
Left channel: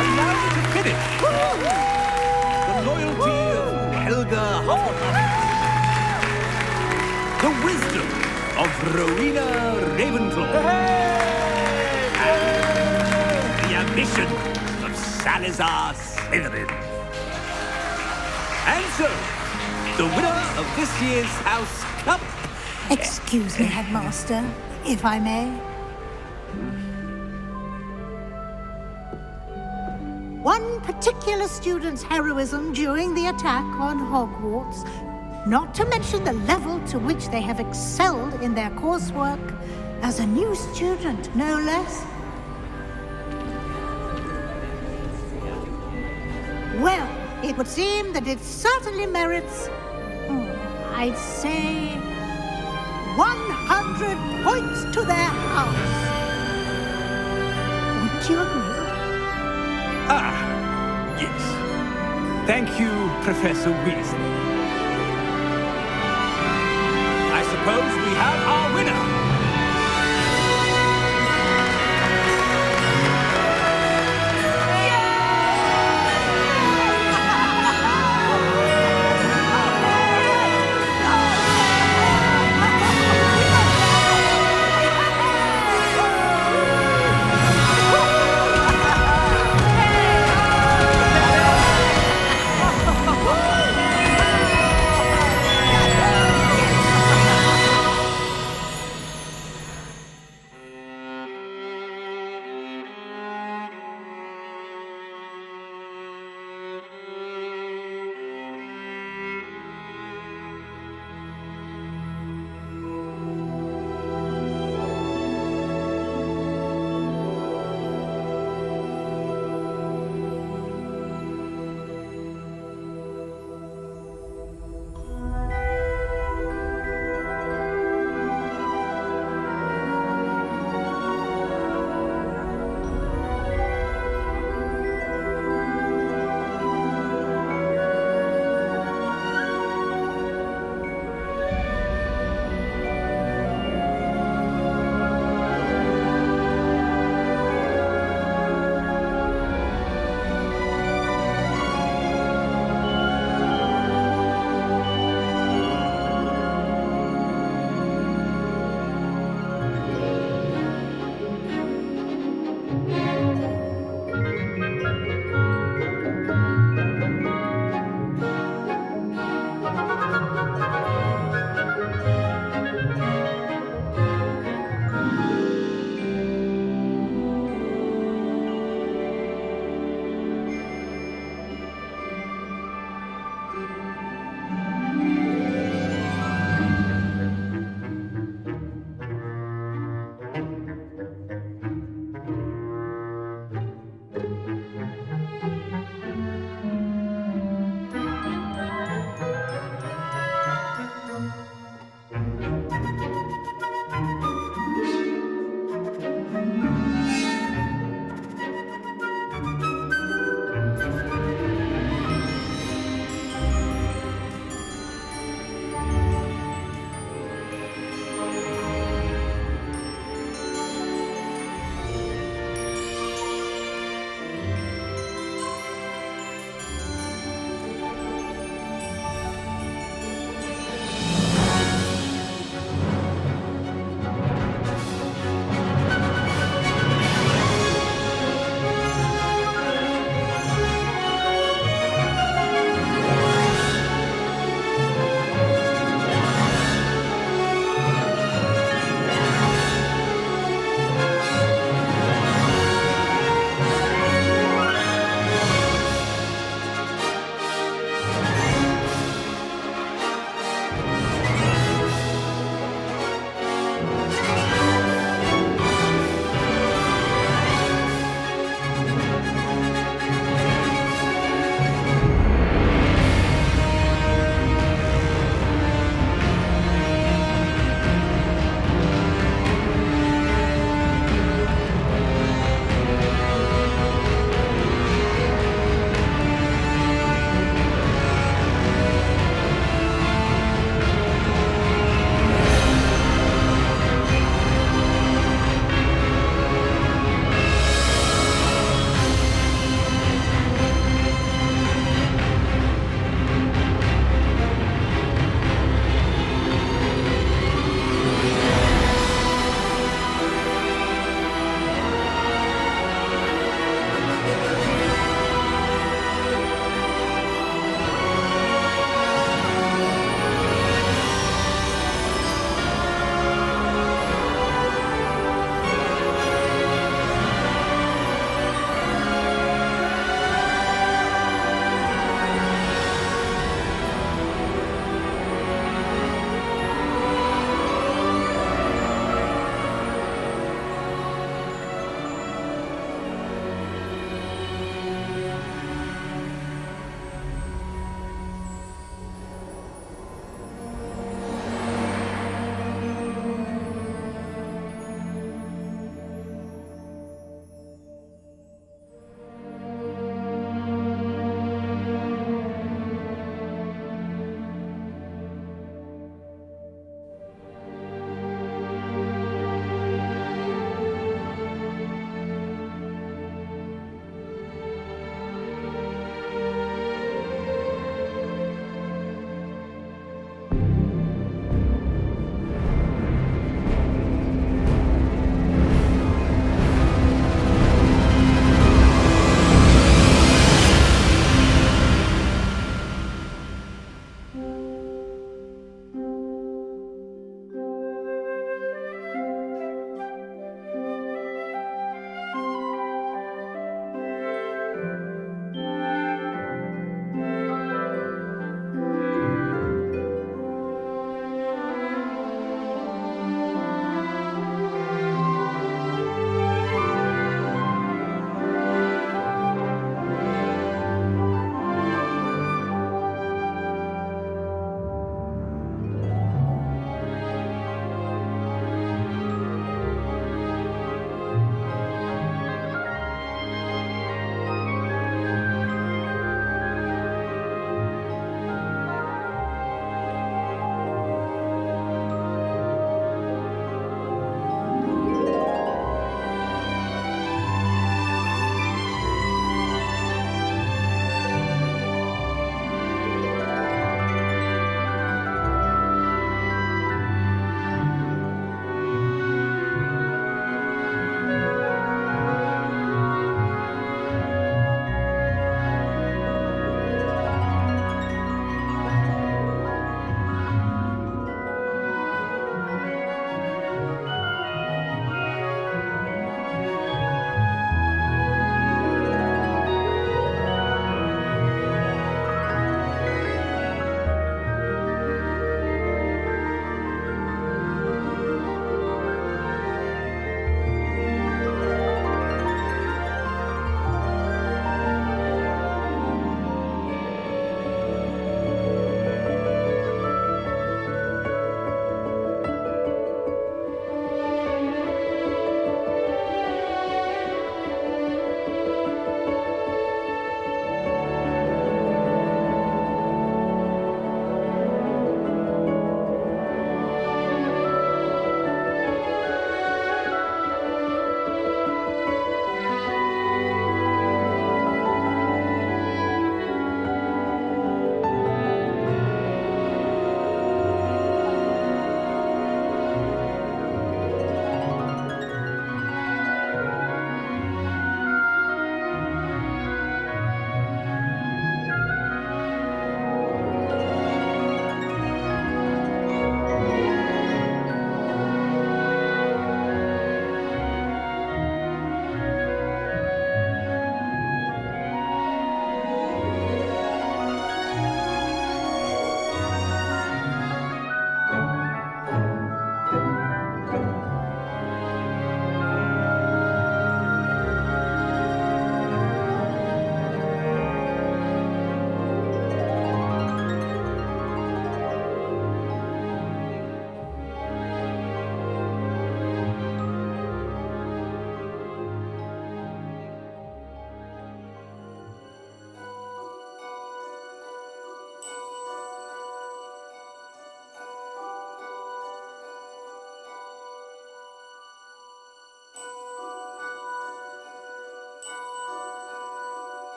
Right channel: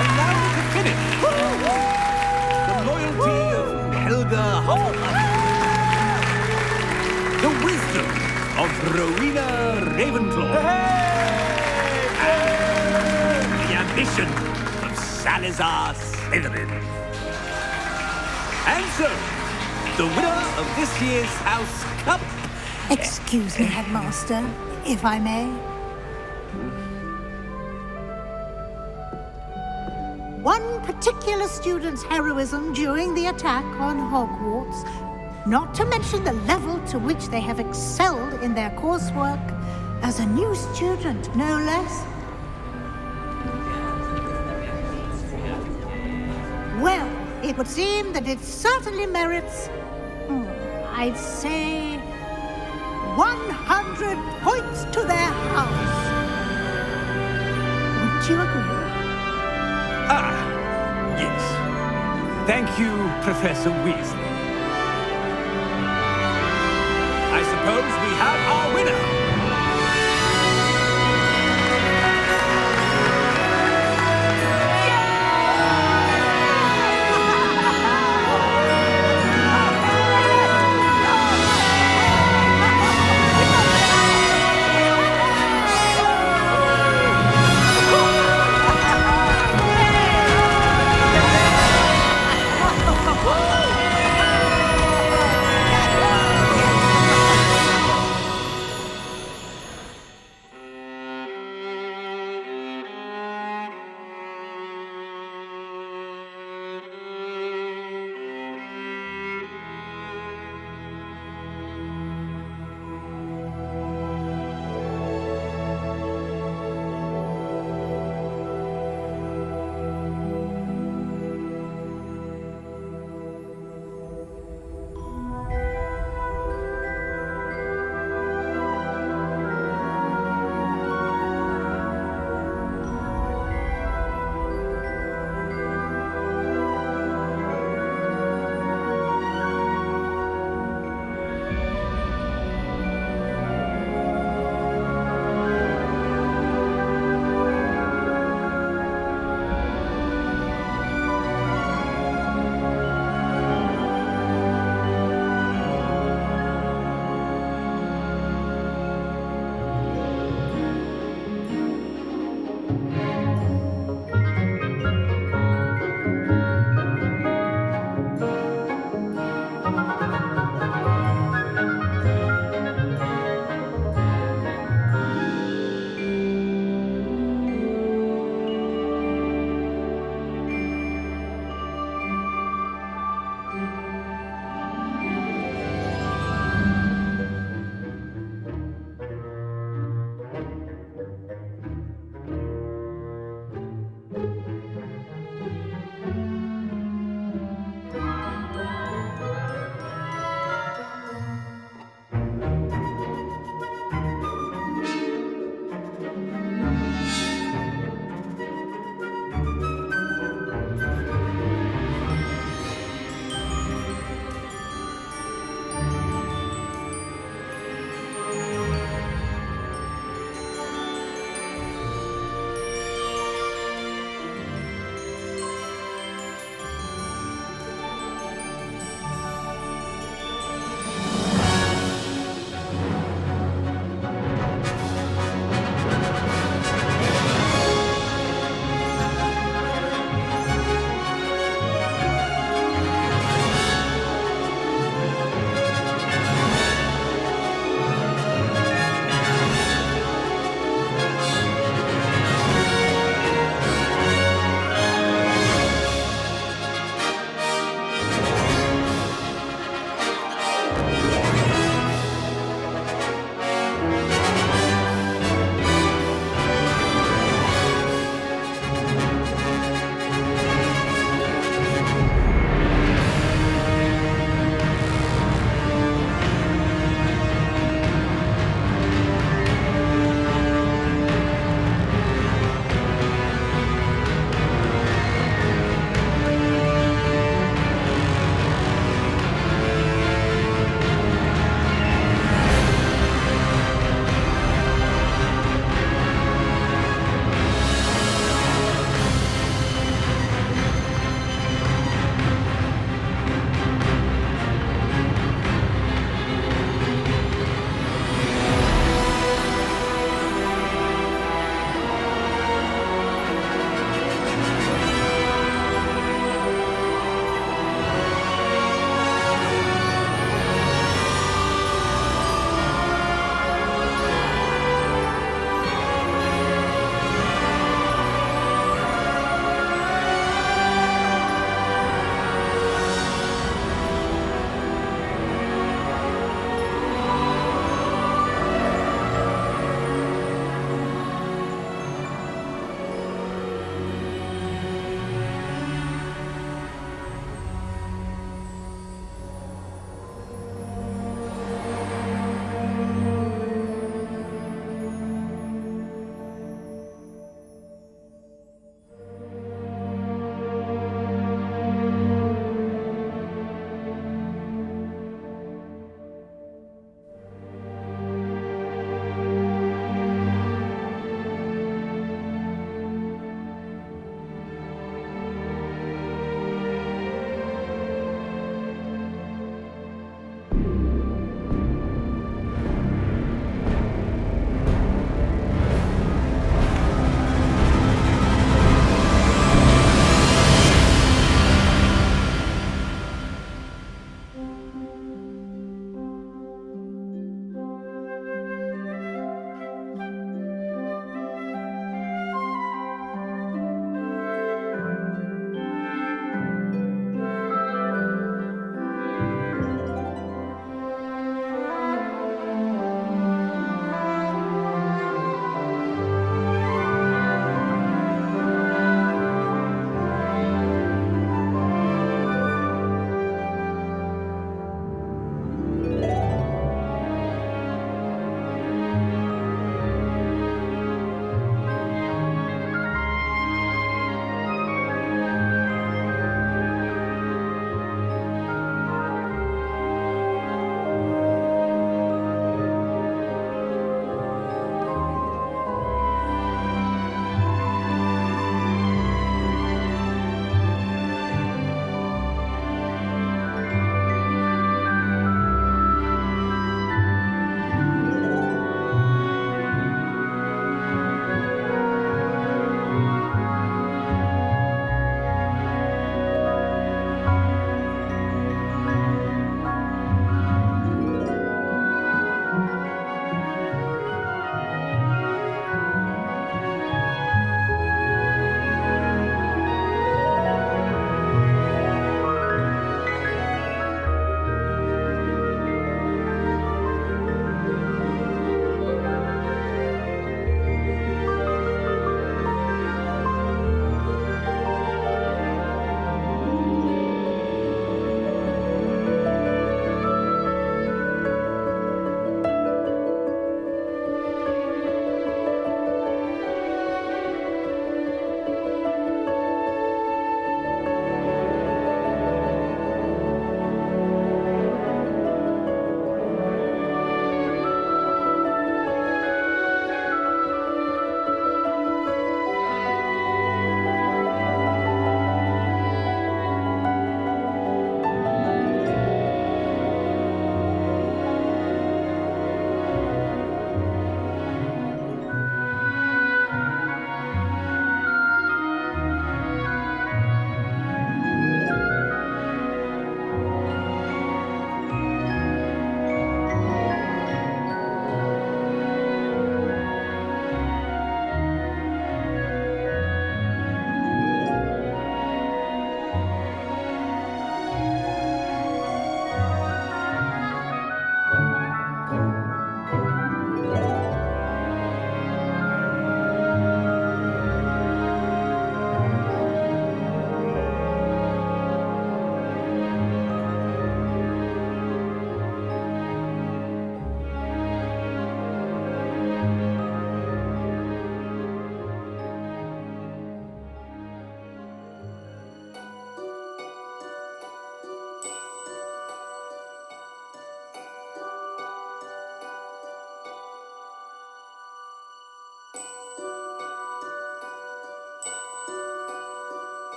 And now to finish, the loyalty of Helga Hufflepuff. The wisdom of Rowena Ravenclaw. And the ambition of Salazar Slytherin. And so, the winner of this year's House Cup... Excuse me, Headmaster, if I may. One particular student's heroism during the attack on Hogwarts, not to mention the level to which they have excelled in their coursework, as a new student, no less. Well, it would seem that it certainly merits... I'd say 100 points to their house. Wouldn't you agree? Ah, yes. Thank you, Professor Weasley. I suppose we have our winner.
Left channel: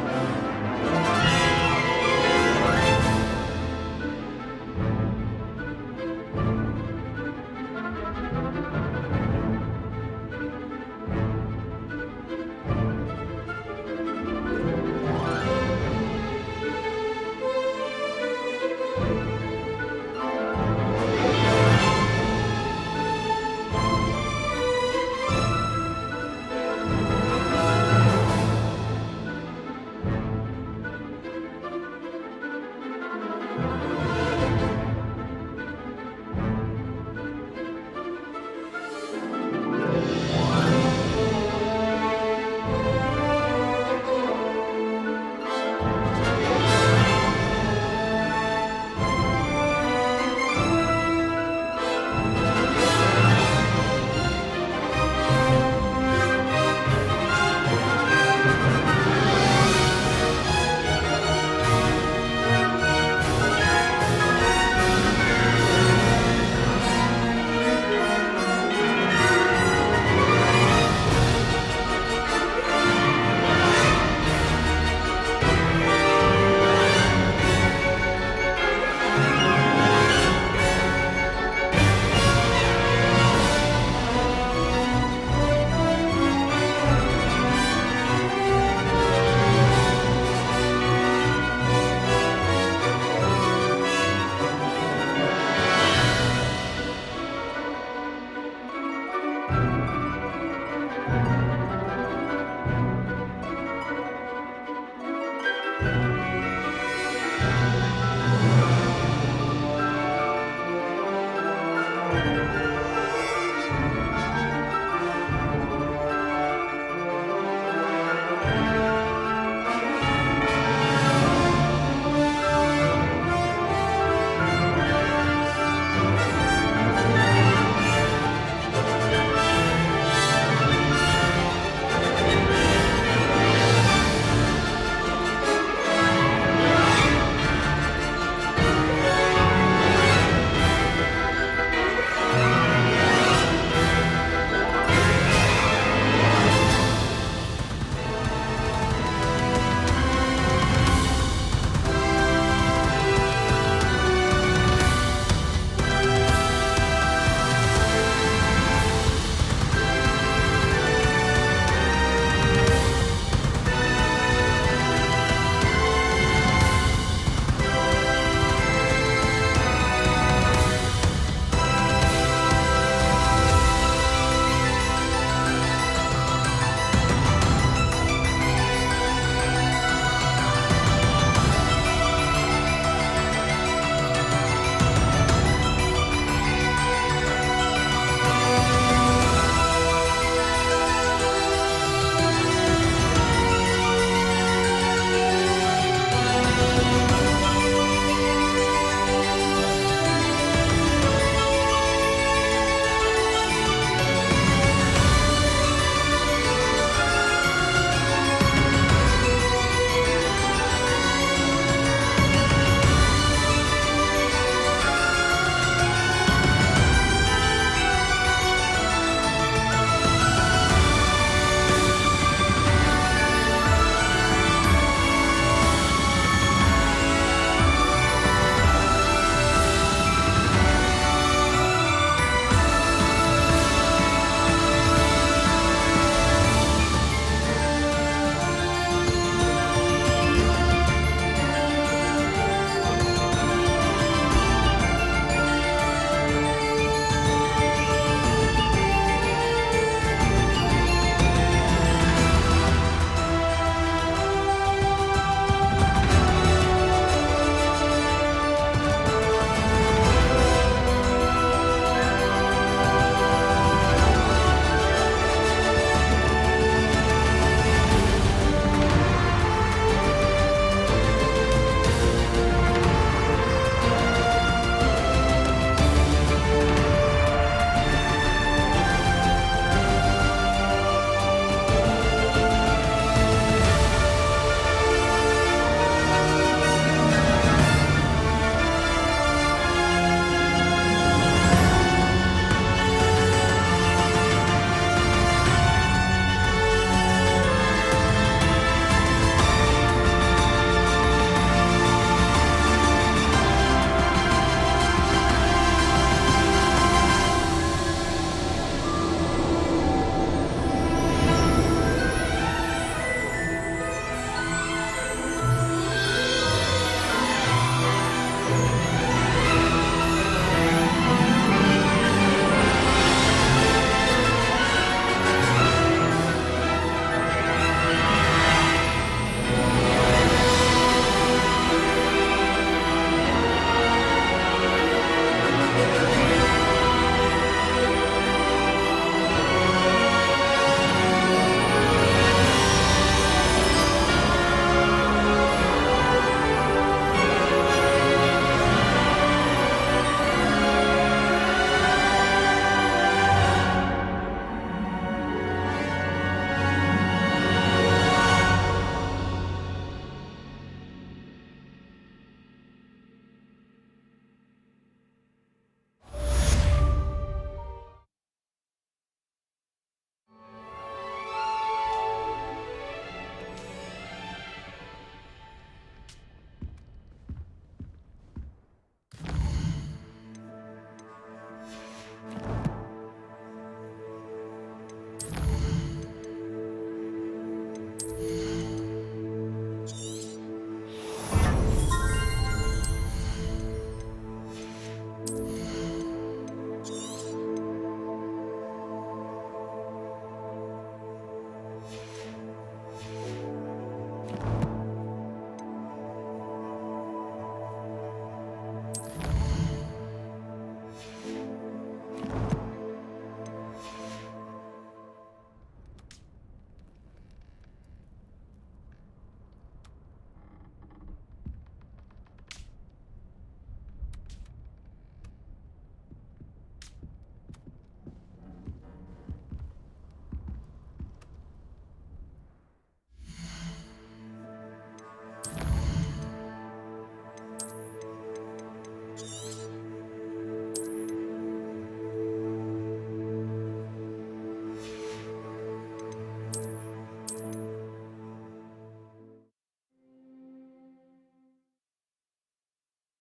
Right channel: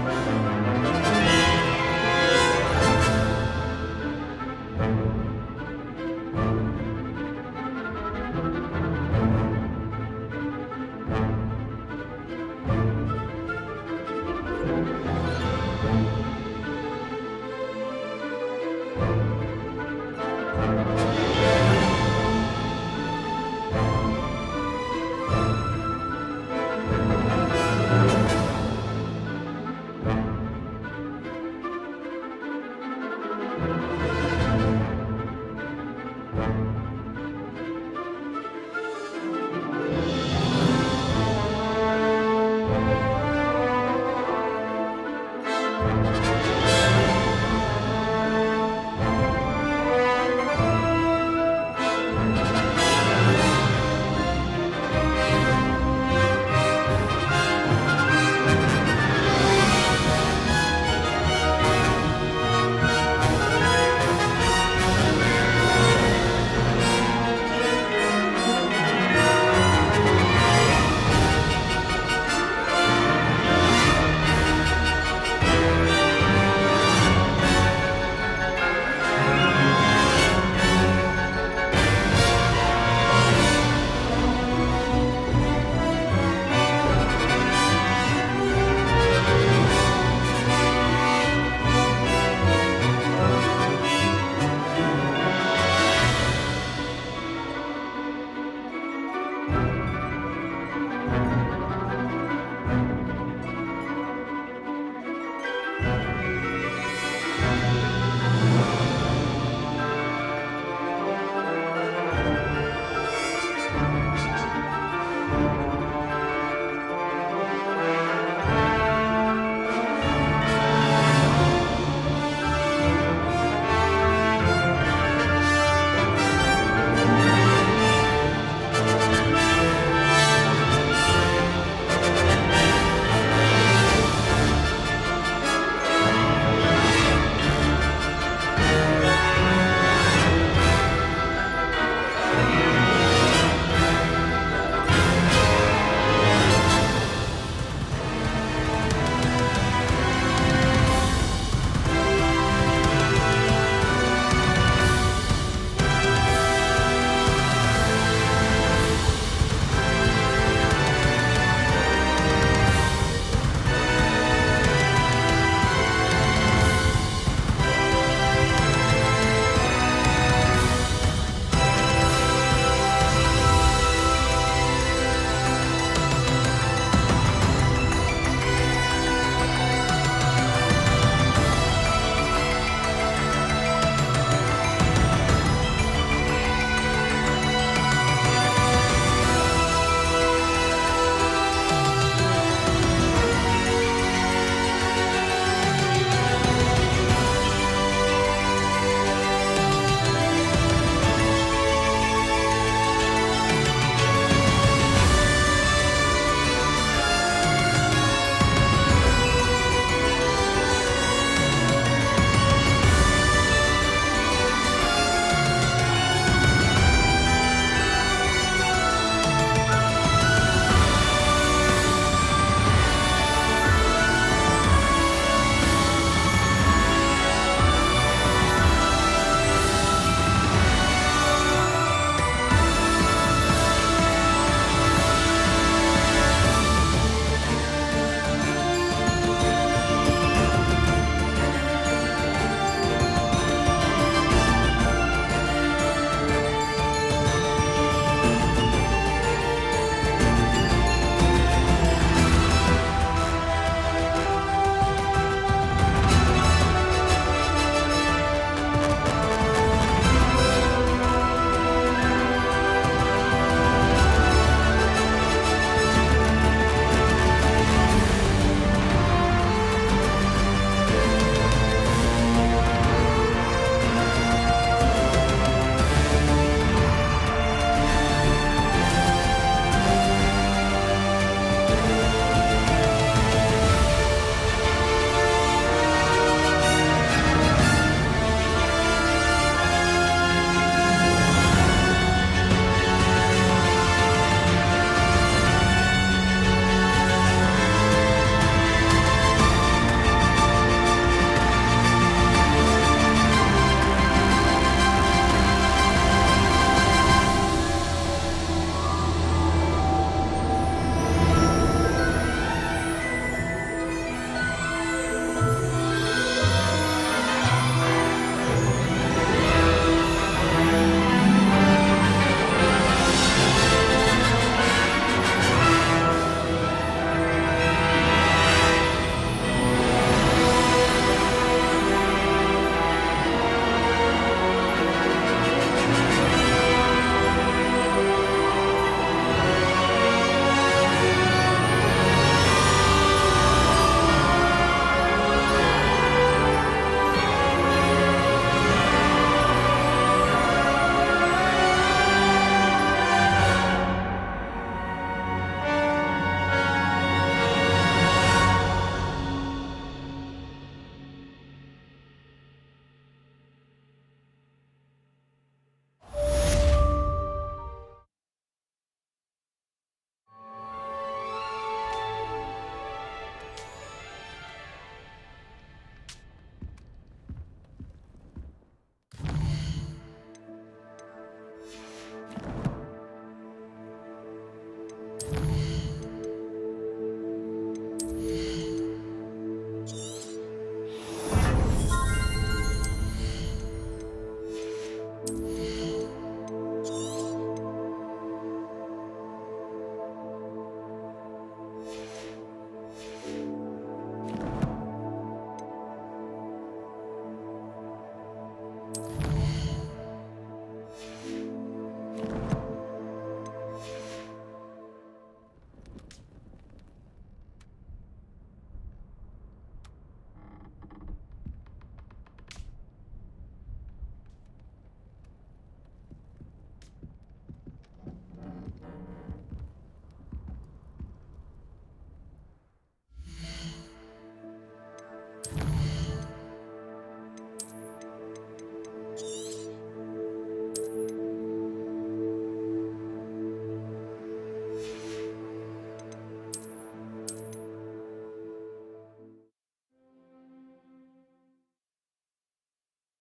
Leviosa.